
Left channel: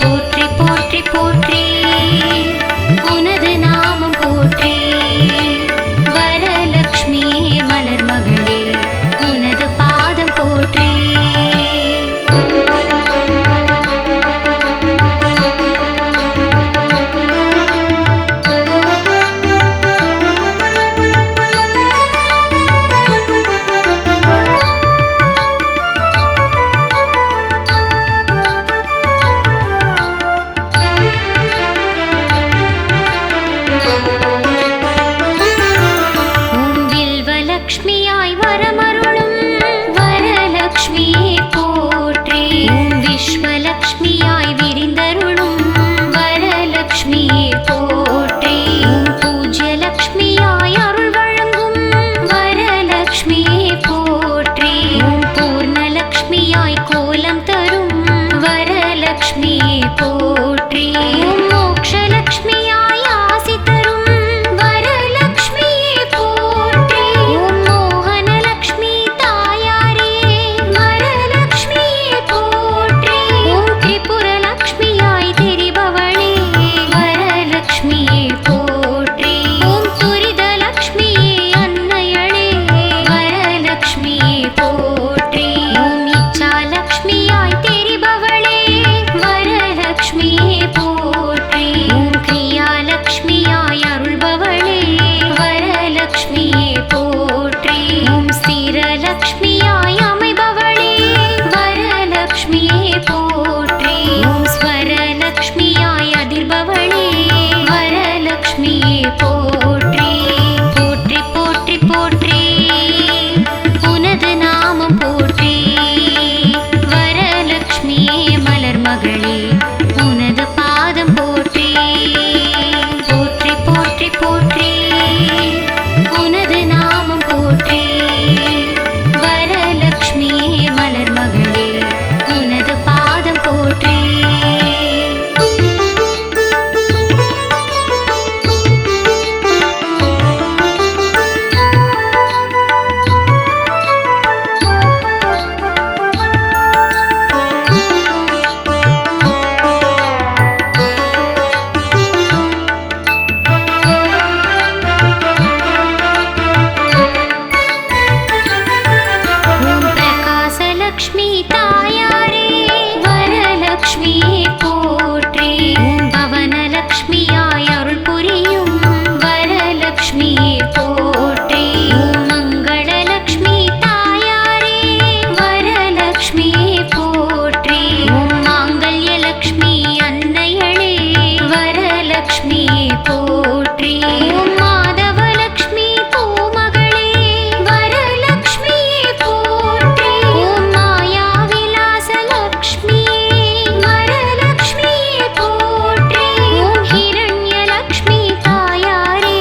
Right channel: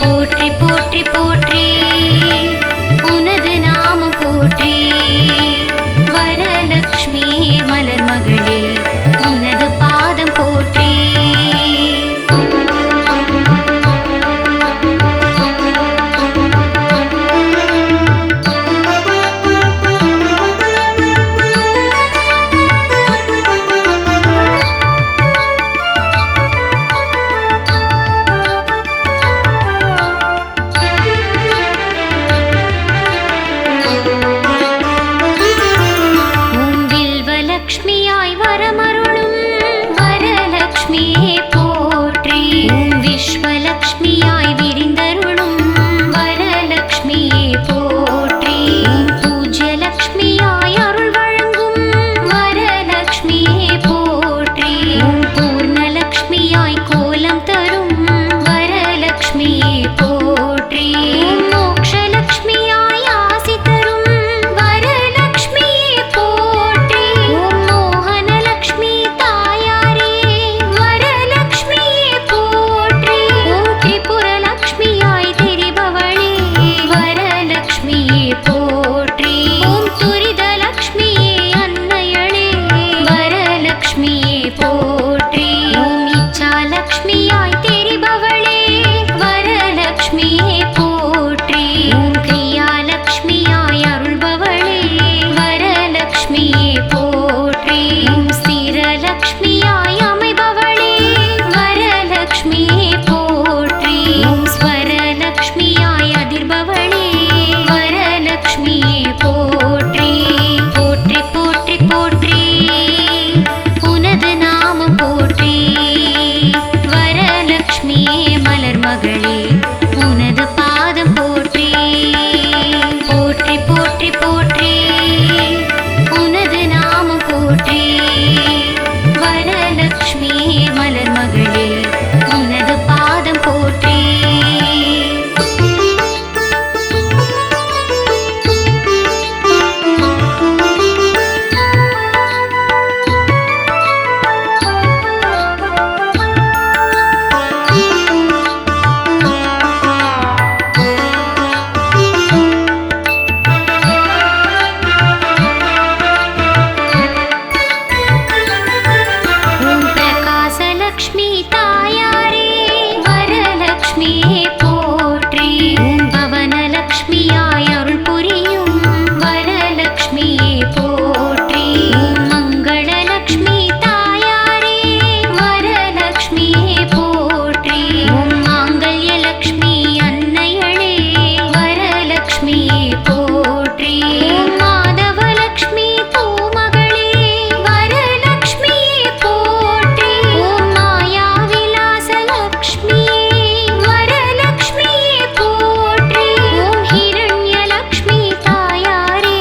போற்றி போற்றி போற்றி உனது நாமம் போற்றி. வரலக்ஷ்மியே மலர் மகளே உனது பாதம் போற்றி. புரியும் வரலக்ஷ்மியே போற்றி. ஓம் மங்களலக்ஷ்மி தாயாரே வரலக்ஷ்மியே போற்றி. ஓம் மாங்கல்யலக்ஷ்மி அன்னையளே வரலக்ஷ்மியே போற்றி. ஓம் மாதவலக்ஷ்மி பூமகளே வரலக்ஷ்மியே போற்றி. ஓம் மாயா விலாசலக்ஷ்மியே வரலக்ஷ்மியே போற்றி. ஓம் ஹிரண்யலக்ஷ்மி தாயாரே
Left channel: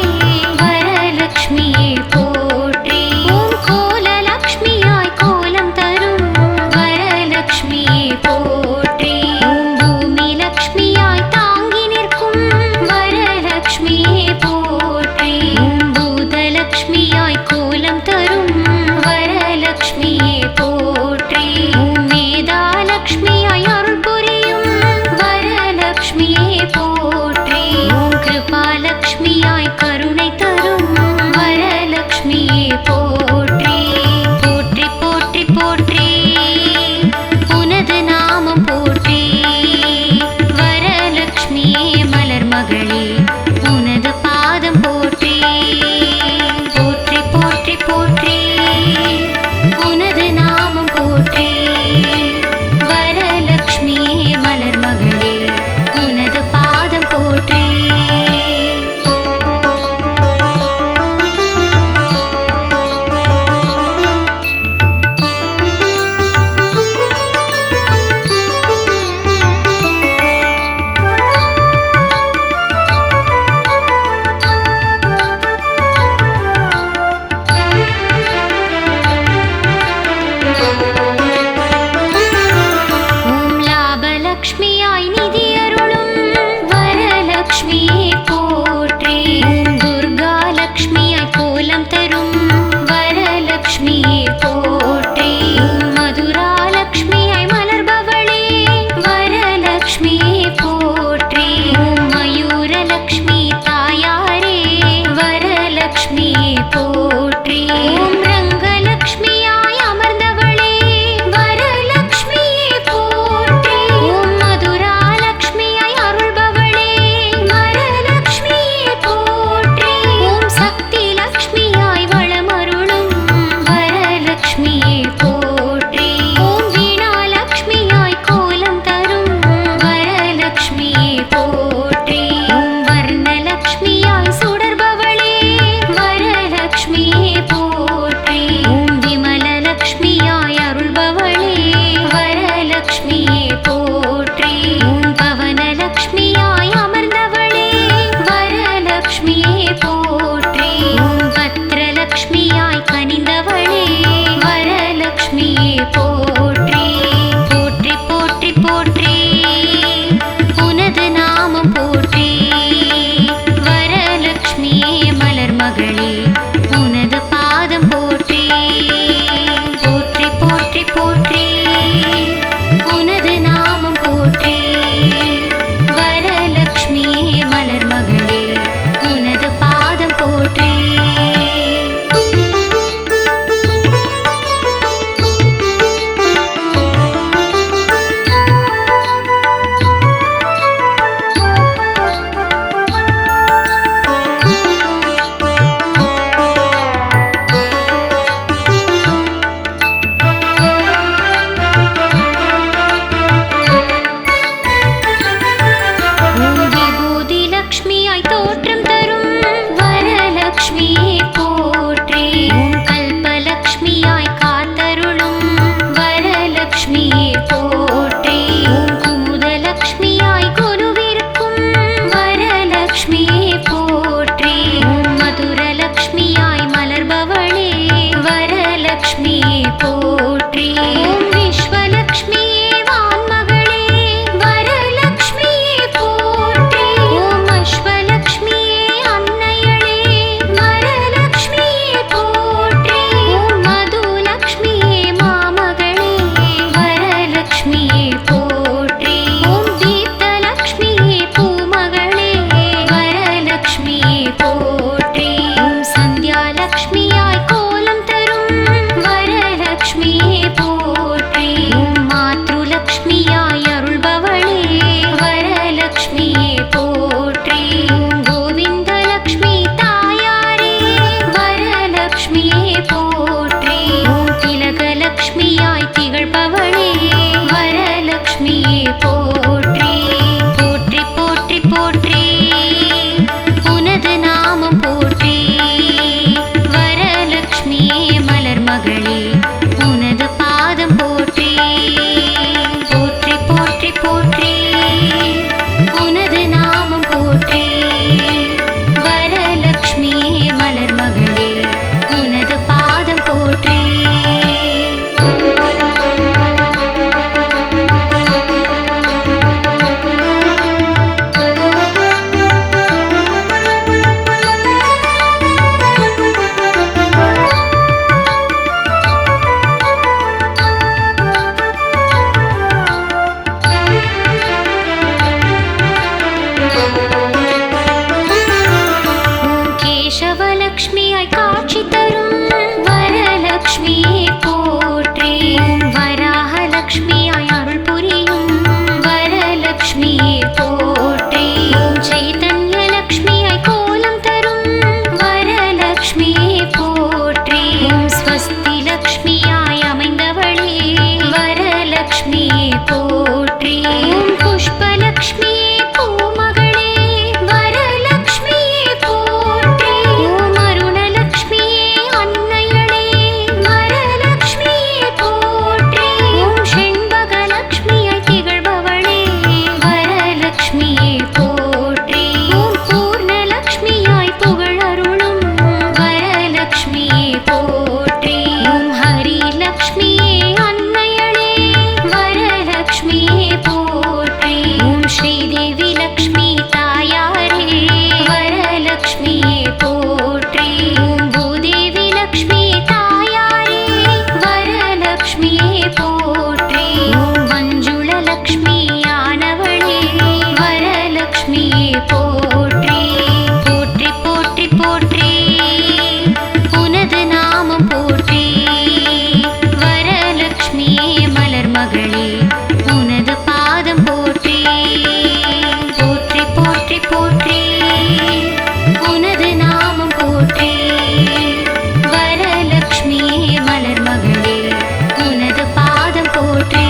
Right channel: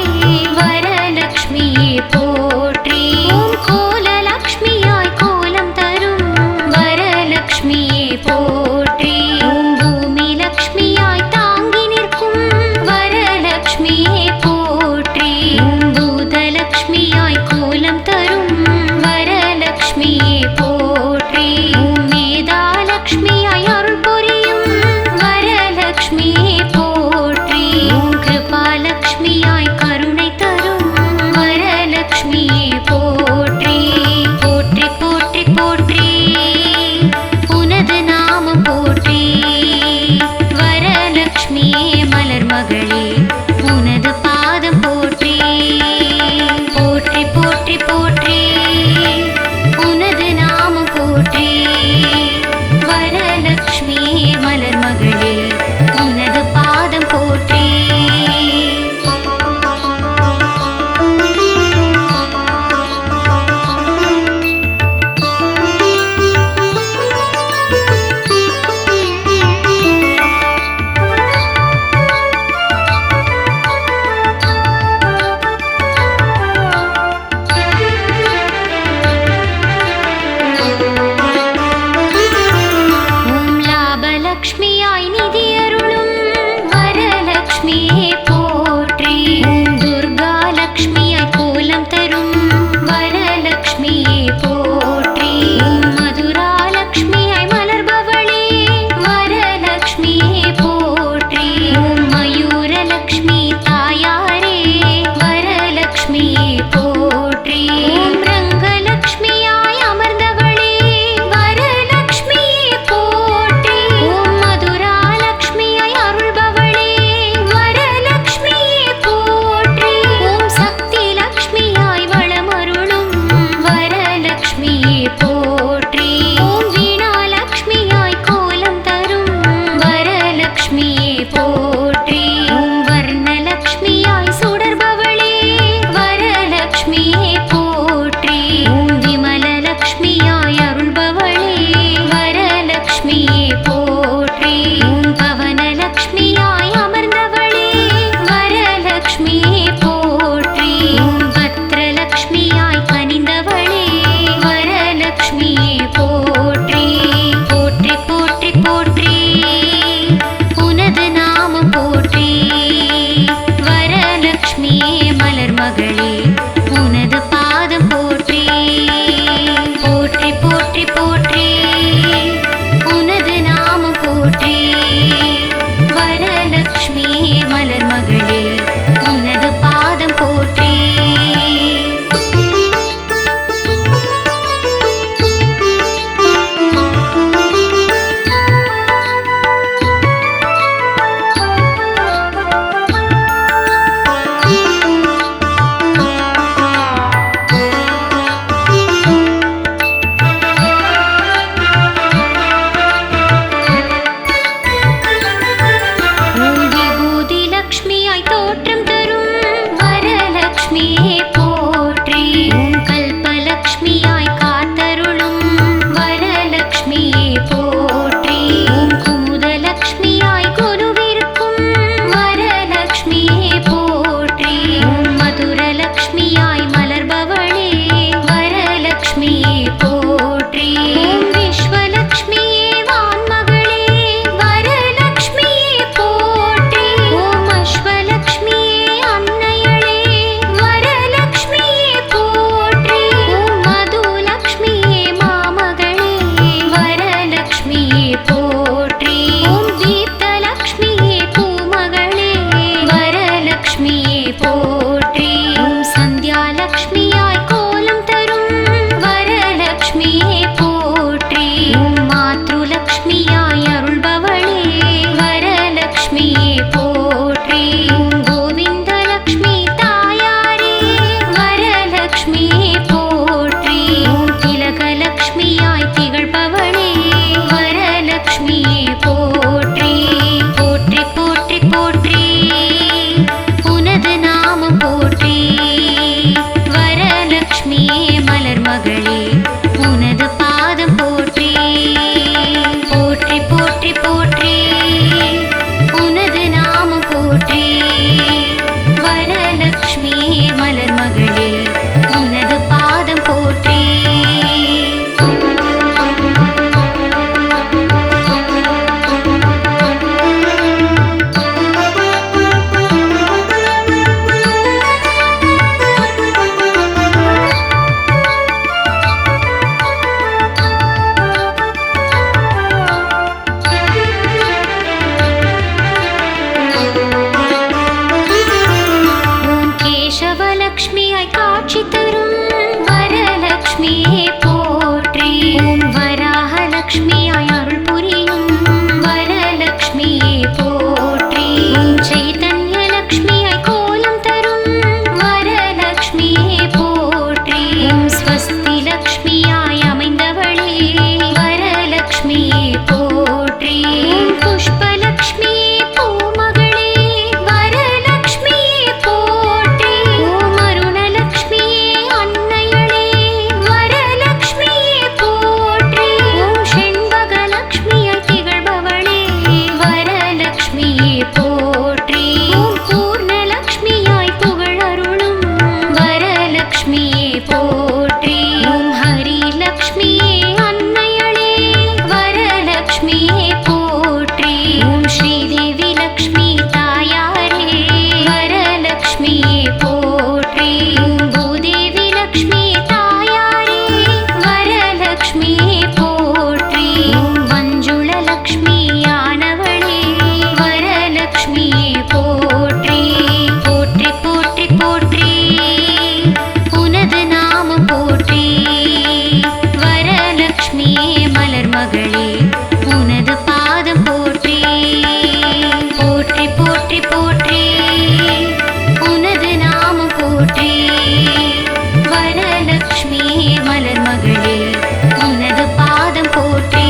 வரலக்ஷ்மியே போற்றி. ஓம் கோலலக்ஷ்மியாய் கோலம் தரும் வரலக்ஷ்மியே போற்றி. ஓம் பூமி லக்ஷ்மியாய் தாங்கி நிற்கும் வரலக்ஷ்மியே போற்றி. ஓம் பூதலக்ஷ்மியாய் கோலம் தரும் வரலக்ஷ்மியே போற்றி. ஓம் மேதாலக்ஷ்மியாய் அருள் புரியும் வரலக்ஷ்மியே போற்றி. ஓம் கிருபாலக்ஷ்மியாய் கருணை தரும் வரலக்ஷ்மியே போற்றி. போற்றி போற்றி போற்றி உனது நாமம் போற்றி. வரலக்ஷ்மியே மலர் மகளே உனது பாதம் போற்றி. போற்றி போற்றி போற்றி உனது நாமம் போற்றி. வரலக்ஷ்மியே மலர் மகளே உனது பாதம் போற்றி. ஓம் லாபலக்ஷ்மியாய் நிதி அருளும் வரலக்ஷ்மியே போற்றி. ஓம் துர்காலக்ஷ்மியாய் கோலம் தரும் வரலக்ஷ்மியே போற்றி. ஓம் மதுராலக்ஷ்மியாய் மலர்பவளே வரலக்ஷ்மியே போற்றி. ஓம் மயூரலக்ஷ்மி தாயாரே வரலக்ஷ்மியே போற்றி. ஓம் ரங்கலக்ஷ்மியாய் அமர்ந்தவளே வரலக்ஷ்மியே போற்றி. ஓம் மதுராலக்ஷ்மியாய் அருள்பவளே வரலக்ஷ்மியே போற்றி. ஓம் சக்தி லக்ஷ்மியாய் வளமருளும் வரலக்ஷ்மியே போற்றி. ஓம் வீணாலக்ஷ்மியாய் கோலம் தரும் வரலக்ஷ்மியே போற்றி. ஓம் வர்ணலக்ஷ்மியாய் சுடர்பவளே வரலக்ஷ்மியே போற்றி. ஓம் விமலலக்ஷ்மியாய் அருள்பவளே வரலக்ஷ்மியே போற்றி. ஓம் பவனலக்ஷ்மியாய் அமர்ந்தவளே வரலக்ஷ்மியே போற்றி. ஓம் பத்ரலக்ஷ்மியாய் கனிந்தவளே வரலக்ஷ்மியே போற்றி. போற்றி போற்றி போற்றி உனது நாமம் போற்றி. வரலக்ஷ்மியே மலர் மகளே உனது பாதம் போற்றி. போற்றி போற்றி போற்றி உனது நாமம் போற்றி. வரலக்ஷ்மியே மலர் மகளே உனது பாதம் போற்றி. மலர் மகளே உனது பாதம் போற்றி போற்றி போற்றி போற்றி உனது நாமம் போற்றி வரலக்ஷ்மி மலர் மகளே உனது பாதம் போற்றி கேசவலக்ஷ்மியாய் காட்சி தரும் வரலக்ஷ்மியே போற்றி ஓம் வராகலக்ஷ்மியாய் அருள் புரியும் வரலக்ஷ்மியே போற்றி ஓம் சைதன்யலக்ஷ்மியாய் கோலம் தரும் வரலக்ஷ்மியே போற்றி ஓம் ஸ்வஸ்தி லக்ஷ்மியாய் அமைந்தவளே வரலக்ஷ்மியே போற்றி ஓம் புஷ்பலக்ஷ்மியே பூமகளே श्रीदेवी लक्ष्मी तायारे वरलक्ष्मी पोट्री भूदेवी लक्ष्मी तायारे वरलक्ष्मी पोट्री मंजुल लक्ष्मी आनवळे वरलक्ष्मी पोट्री पोट्री पोट्री पोट्री उनद नाम पोट्री वरलक्ष्मी मलर मगळे उनद पादम पोट्री पोट्री पोट्री पोट्री उनद नाम पोट्री वरलक्ष्मी मलर मगळे उनद पादम पोट्री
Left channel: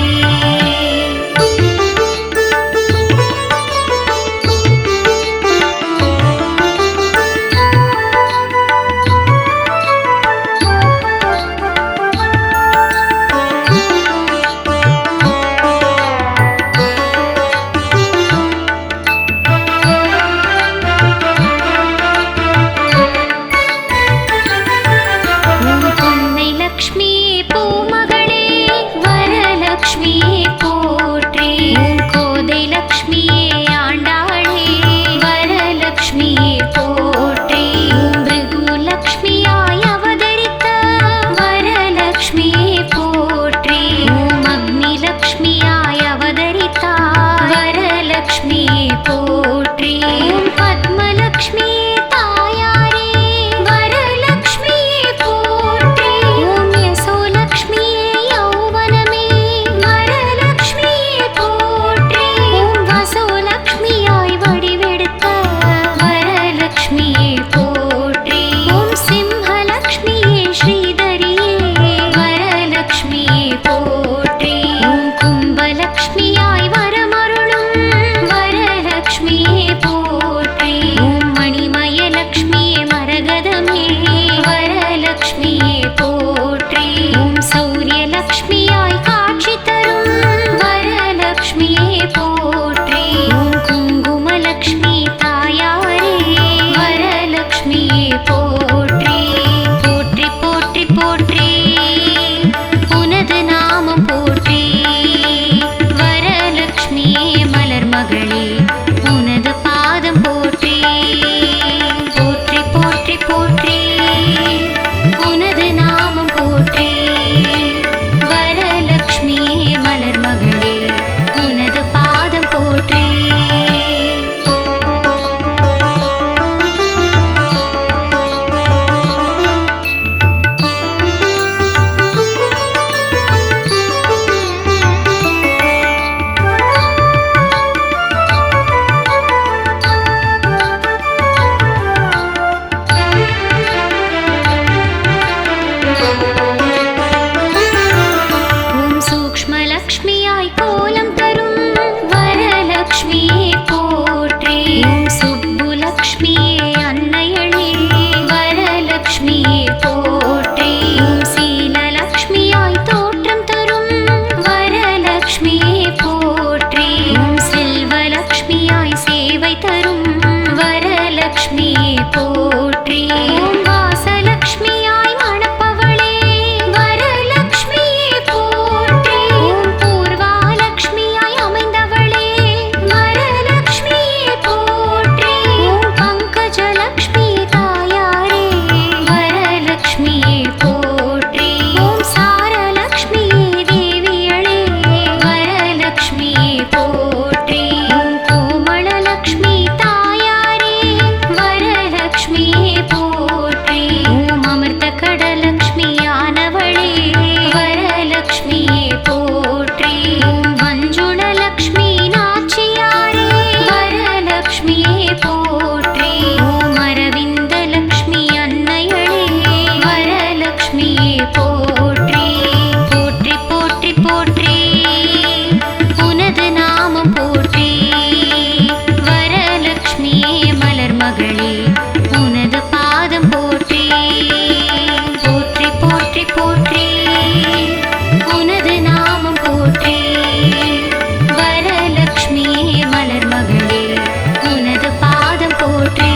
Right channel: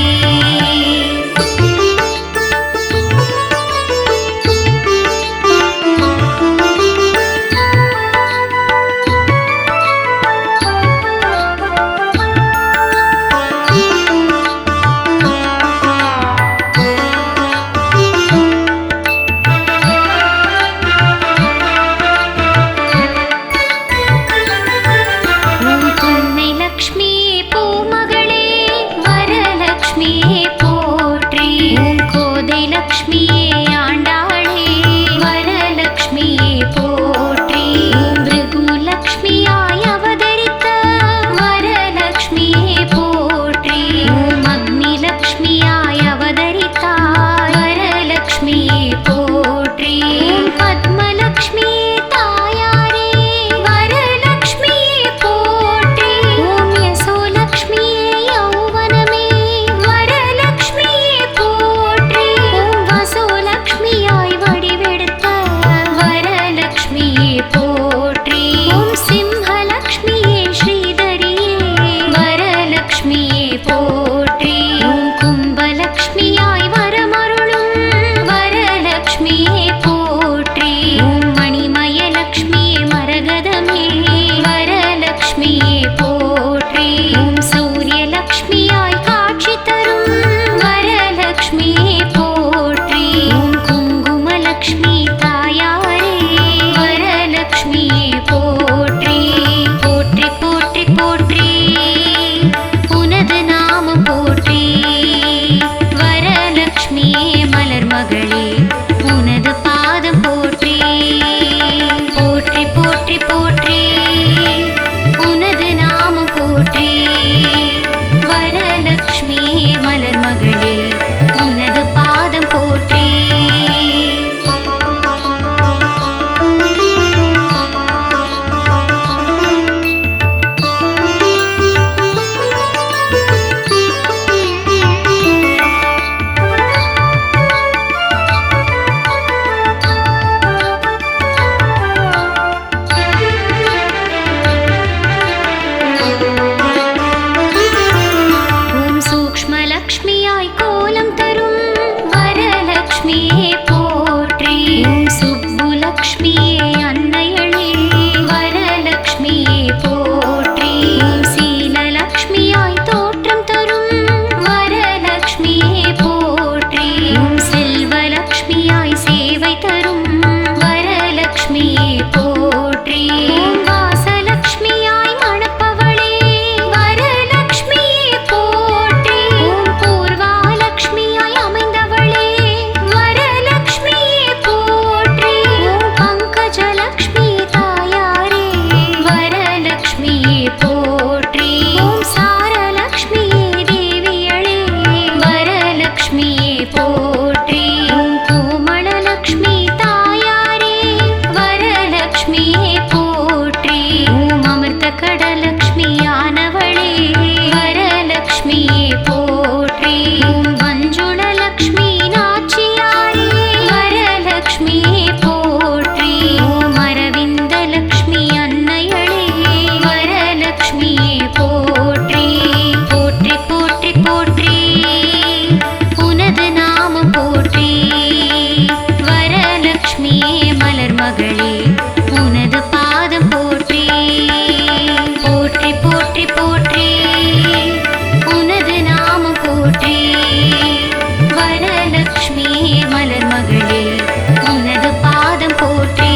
लक्ष्मीये आंडाळे वरलक्ष्मीये पोट्री भृगुलक्ष्मियाय अवतरित वरलक्ष्मीये पोट्री अग्निलक्ष्मियाय अवतरिता वरलक्ष्मीये पोट्री पद्मलक्ष्मिये तायारे वरलक्ष्मीये पोट्री यशोलक्ष्मिये यौवनमे वरलक्ष्मीये पोट्री वसोलक्ष्मियाय वडिवेडुत्त वरलक्ष्मिये पोट्री सिंहलक्ष्मिये श्रीधरिये वरलक्ष्मिये पोट्री कुम्भलक्ष्मियाय वरमरुळुम वरलक्ष्मिये पोट्री मणिमयलक्ष्मिये मरगदमे वरलक्ष्मिये पोट्री सौर्यलक्ष्मियाय काक्षि तरुम वरलक्ष्मिये पोट्री कुङ्कुमलक्ष्मी तायारे वरलक्ष्मिये पोट्री पोट्री पोट्री पोट्री उनद नाम पोट्री वरलक्ष्मिये मलर मगळे उनद पादम पोट्री पोट्री पोट्री पोट्री उनद नाम पोट्री वरलक्ष्मिये मलर मगळे उनद पादम पोट्री லக்ஷ்மி தாயாரே வரலக்ஷ்மியே போற்றி. ஓம் அமிர்த கடலக்ஷ்மியானவளே வரலக்ஷ்மியே போற்றி. ஓம் வஞ்சுள லக்ஷ்மி நாச்சியாரே வரலக்ஷ்மியே போற்றி. ஓம் அரவிந்த லக்ஷ்மி அன்னையளே வரலக்ஷ்மியே போற்றி. போற்றி போற்றி போற்றி உனது நாமம் போற்றி. வரலக்ஷ்மியே மலர் மகளே உனது பாதம் போற்றி. போற்றி போற்றி போற்றி உனது நாமம் போற்றி. வரலக்ஷ்மியே மலர் மகளே உனது பாதம் போற்றி.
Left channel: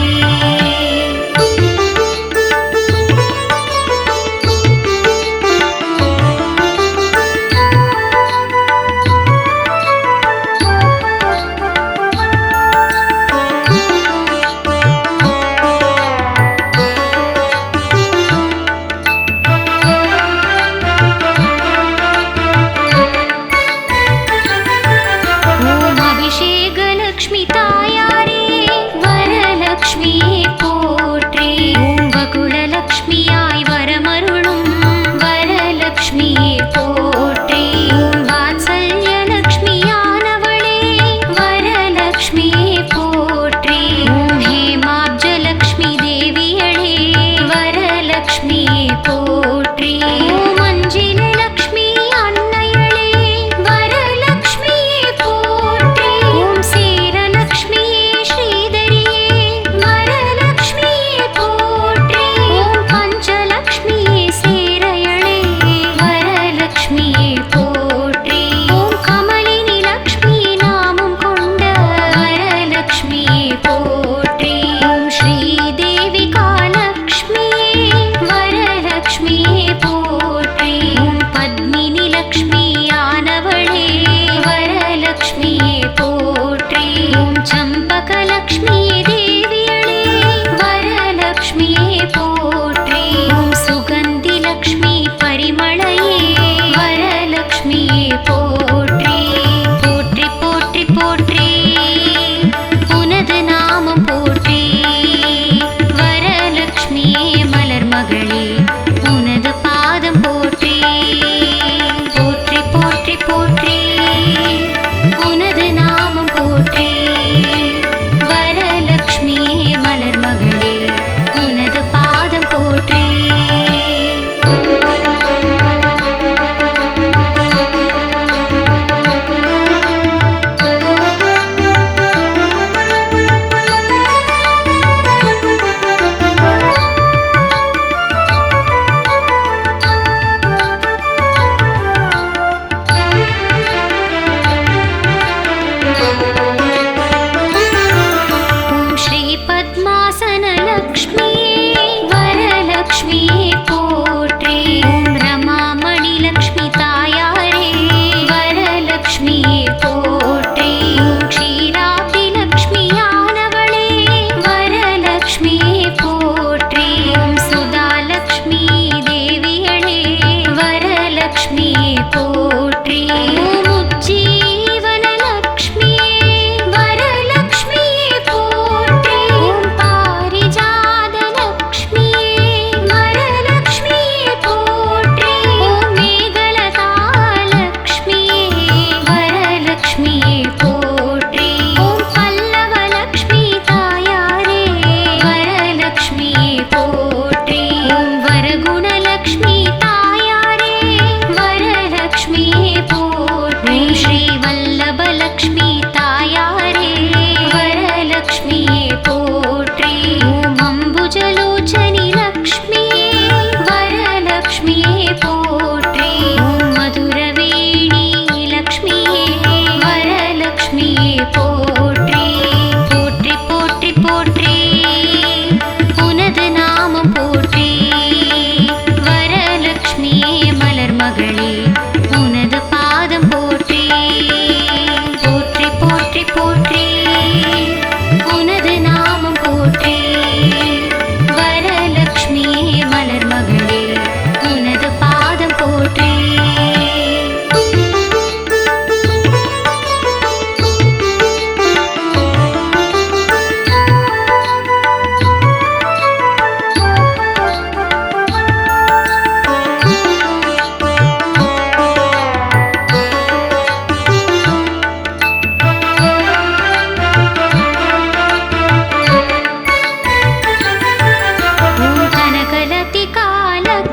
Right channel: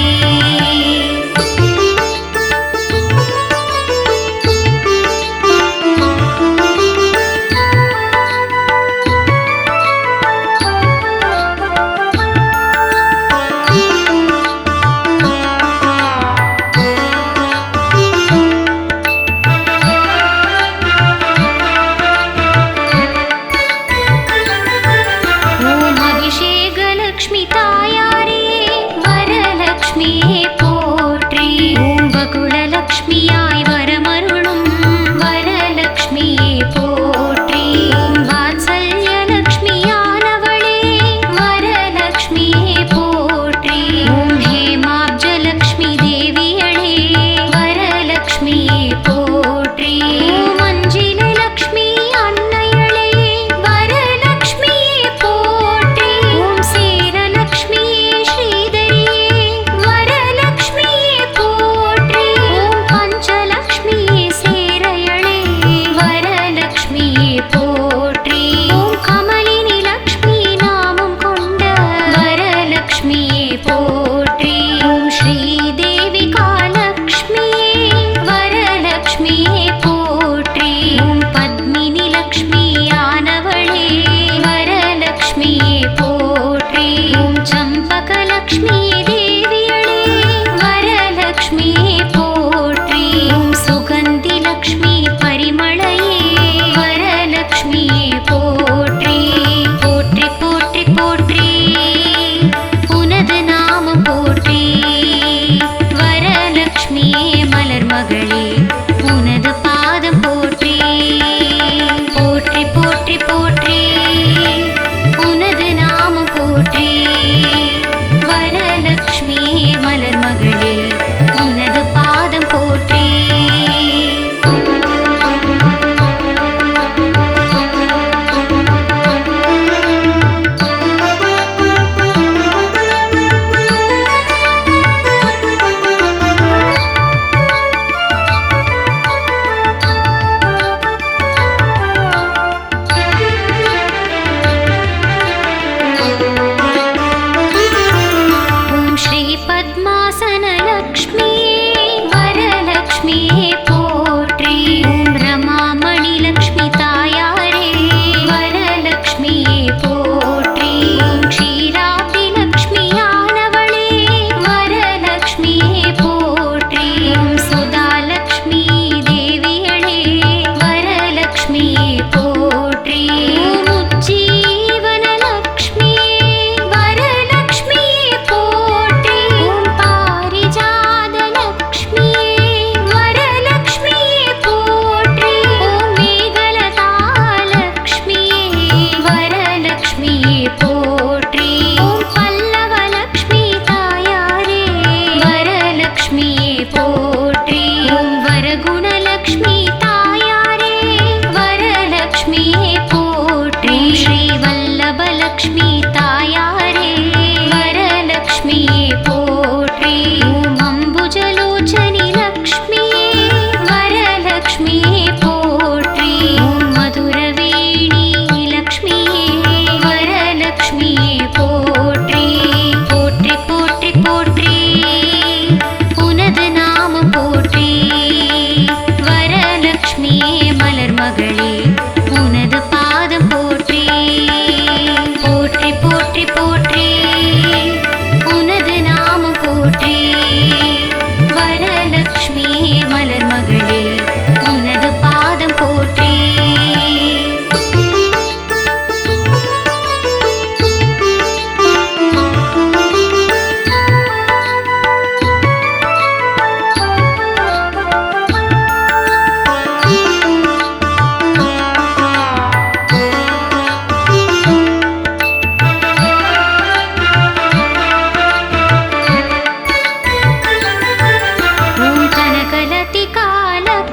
ஓம் அபிஷேக லக்ஷ்மி தாயாரே வரலக்ஷ்மியே போற்றி. ஓம் வகுள லக்ஷ்மியாய் வரமருளும் வரலக்ஷ்மியே போற்றி. ஓம் வாத்சல்ய லக்ஷ்மியானவளே வரலக்ஷ்மியே போற்றி. ஓம் ஹேமாப்ஜ லக்ஷ்மி தேவியளே வரலக்ஷ்மியே போற்றி. ஓம் அஞ்சில லக்ஷ்மி அன்னையளே வரலக்ஷ்மியே போற்றி. ஓம் சேரலக்ஷ்மியே ஸ்ரீதரியே வரலக்ஷ்மியே போற்றி. ஓம் பஞ்சலக்ஷ்மியே சேரையளே வரலக்ஷ்மியே போற்றி. ஓம் கமலினி லக்ஷ்மி நாமம் கொண்ட வரலக்ஷ்மியே போற்றி. ஓம் ஸ்ரீதேவிகா லக்ஷ்மியே வரலக்ஷ்மியே போற்றி. ஓம் பத்மினி லக்ஷ்மியானவளே வரலக்ஷ்மியே போற்றி. ஓம் சம்பக லக்ஷ்மியே தேவியளே வரலக்ஷ்மியே போற்றி. ஓம் சுகந்தி லக்ஷ்மி பரிமளையே வரலக்ஷ்மியே போற்றி. போற்றி போற்றி போற்றி உனது நாமம் போற்றி. வரலக்ஷ்மியே மலர் மகளே உனது பாதம் போற்றி. போற்றி போற்றி போற்றி உனது நாமம் போற்றி. வரலக்ஷ்மியே மலர் மகளே உனது பாதம் போற்றி. ஓம் ஸ்ரீ பத்மாசன லக்ஷ்மியே வரலக்ஷ்மியே போற்றி. ஓம் ரமாமணி லக்ஷ்மி தாயாரே வரலக்ஷ்மியே போற்றி. ஓம் க்ஷீராப்தி லக்ஷ்மியானவளே வரலக்ஷ்மியே போற்றி. ஓம் சுதா லக்ஷ்மி தேவியளே வரலக்ஷ்மியே போற்றி. ஓம் உஜ்ஜீவன லக்ஷ்மியே வரலக்ஷ்மியே போற்றி. ஓம் பாரிஜாத லக்ஷ்மியே வரலக்ஷ்மியே போற்றி. ஓம் மேகலதா லக்ஷ்மியே வரலக்ஷ்மியே போற்றி. ஓம் பல்லவ லக்ஷ்மி தாயாரே வரலக்ஷ்மியே போற்றி. ஓம் வரகுண லக்ஷ்மி தாயாரே வரலக்ஷ்மியே போற்றி. ஓம் ஸ்ரீ வல்லப லக்ஷ்மி தாயாரே வரலக்ஷ்மியே போற்றி. ஓம் அம்புஜலோச்சனி லக்ஷ்மியே வரலக்ஷ்மியே போற்றி. ஓம் மதுரவேணி லக்ஷ்மியே வரலக்ஷ்மியே போற்றி. போற்றி போற்றி போற்றி உனது நாமம் போற்றி. வரலக்ஷ்மியே மலர் மகளே உனது பாதம் போற்றி. போற்றி போற்றி போற்றி உனது நாமம் போற்றி. வரலக்ஷ்மியே மலர் மகளே உனது பாதம் போற்றி.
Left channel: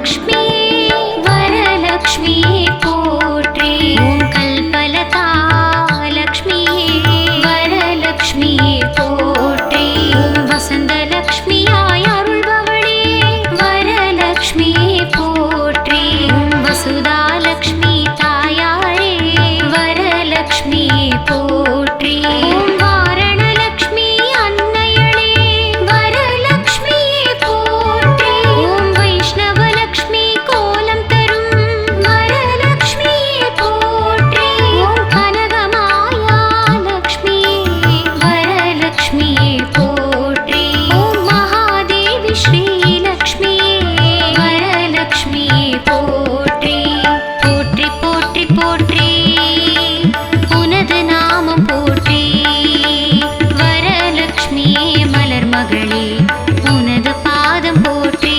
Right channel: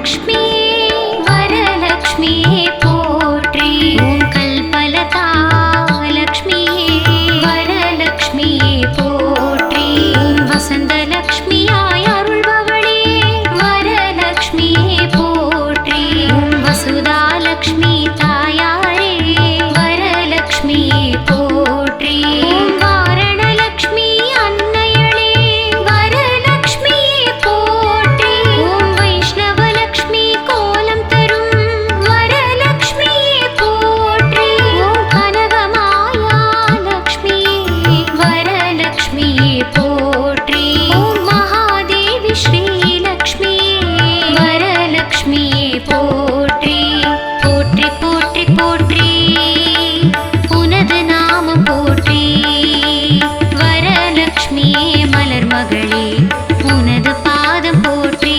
லக்ஷ்மியே வரலக்ஷ்மியே போற்றி. ஓம் கல்பலதா லக்ஷ்மியே வரலக்ஷ்மியே போற்றி. ஓம் வசந்த லக்ஷ்மியாய் அருள்பவளே வரலக்ஷ்மியே போற்றி. ஓம் வசுதா லக்ஷ்மி தாயாரே வரலக்ஷ்மியே போற்றி. ஓம் வாரணலக்ஷ்மி அன்னையளே வரலக்ஷ்மியே போற்றி. ஓம் வைஷ்ணவலக்ஷ்மி கோலம் தரும் வரலக்ஷ்மியே போற்றி. ஓம் கனகமாயா லக்ஷ்மியே வரலக்ஷ்மியே போற்றி. ஓம் மகாதேவி ஸ்ரீலக்ஷ்மியே வரலக்ஷ்மியே போற்றி. போற்றி போற்றி போற்றி உனது நாமம் போற்றி. வரலக்ஷ்மியே மலர் மகளே உனது பாதம் போற்றி.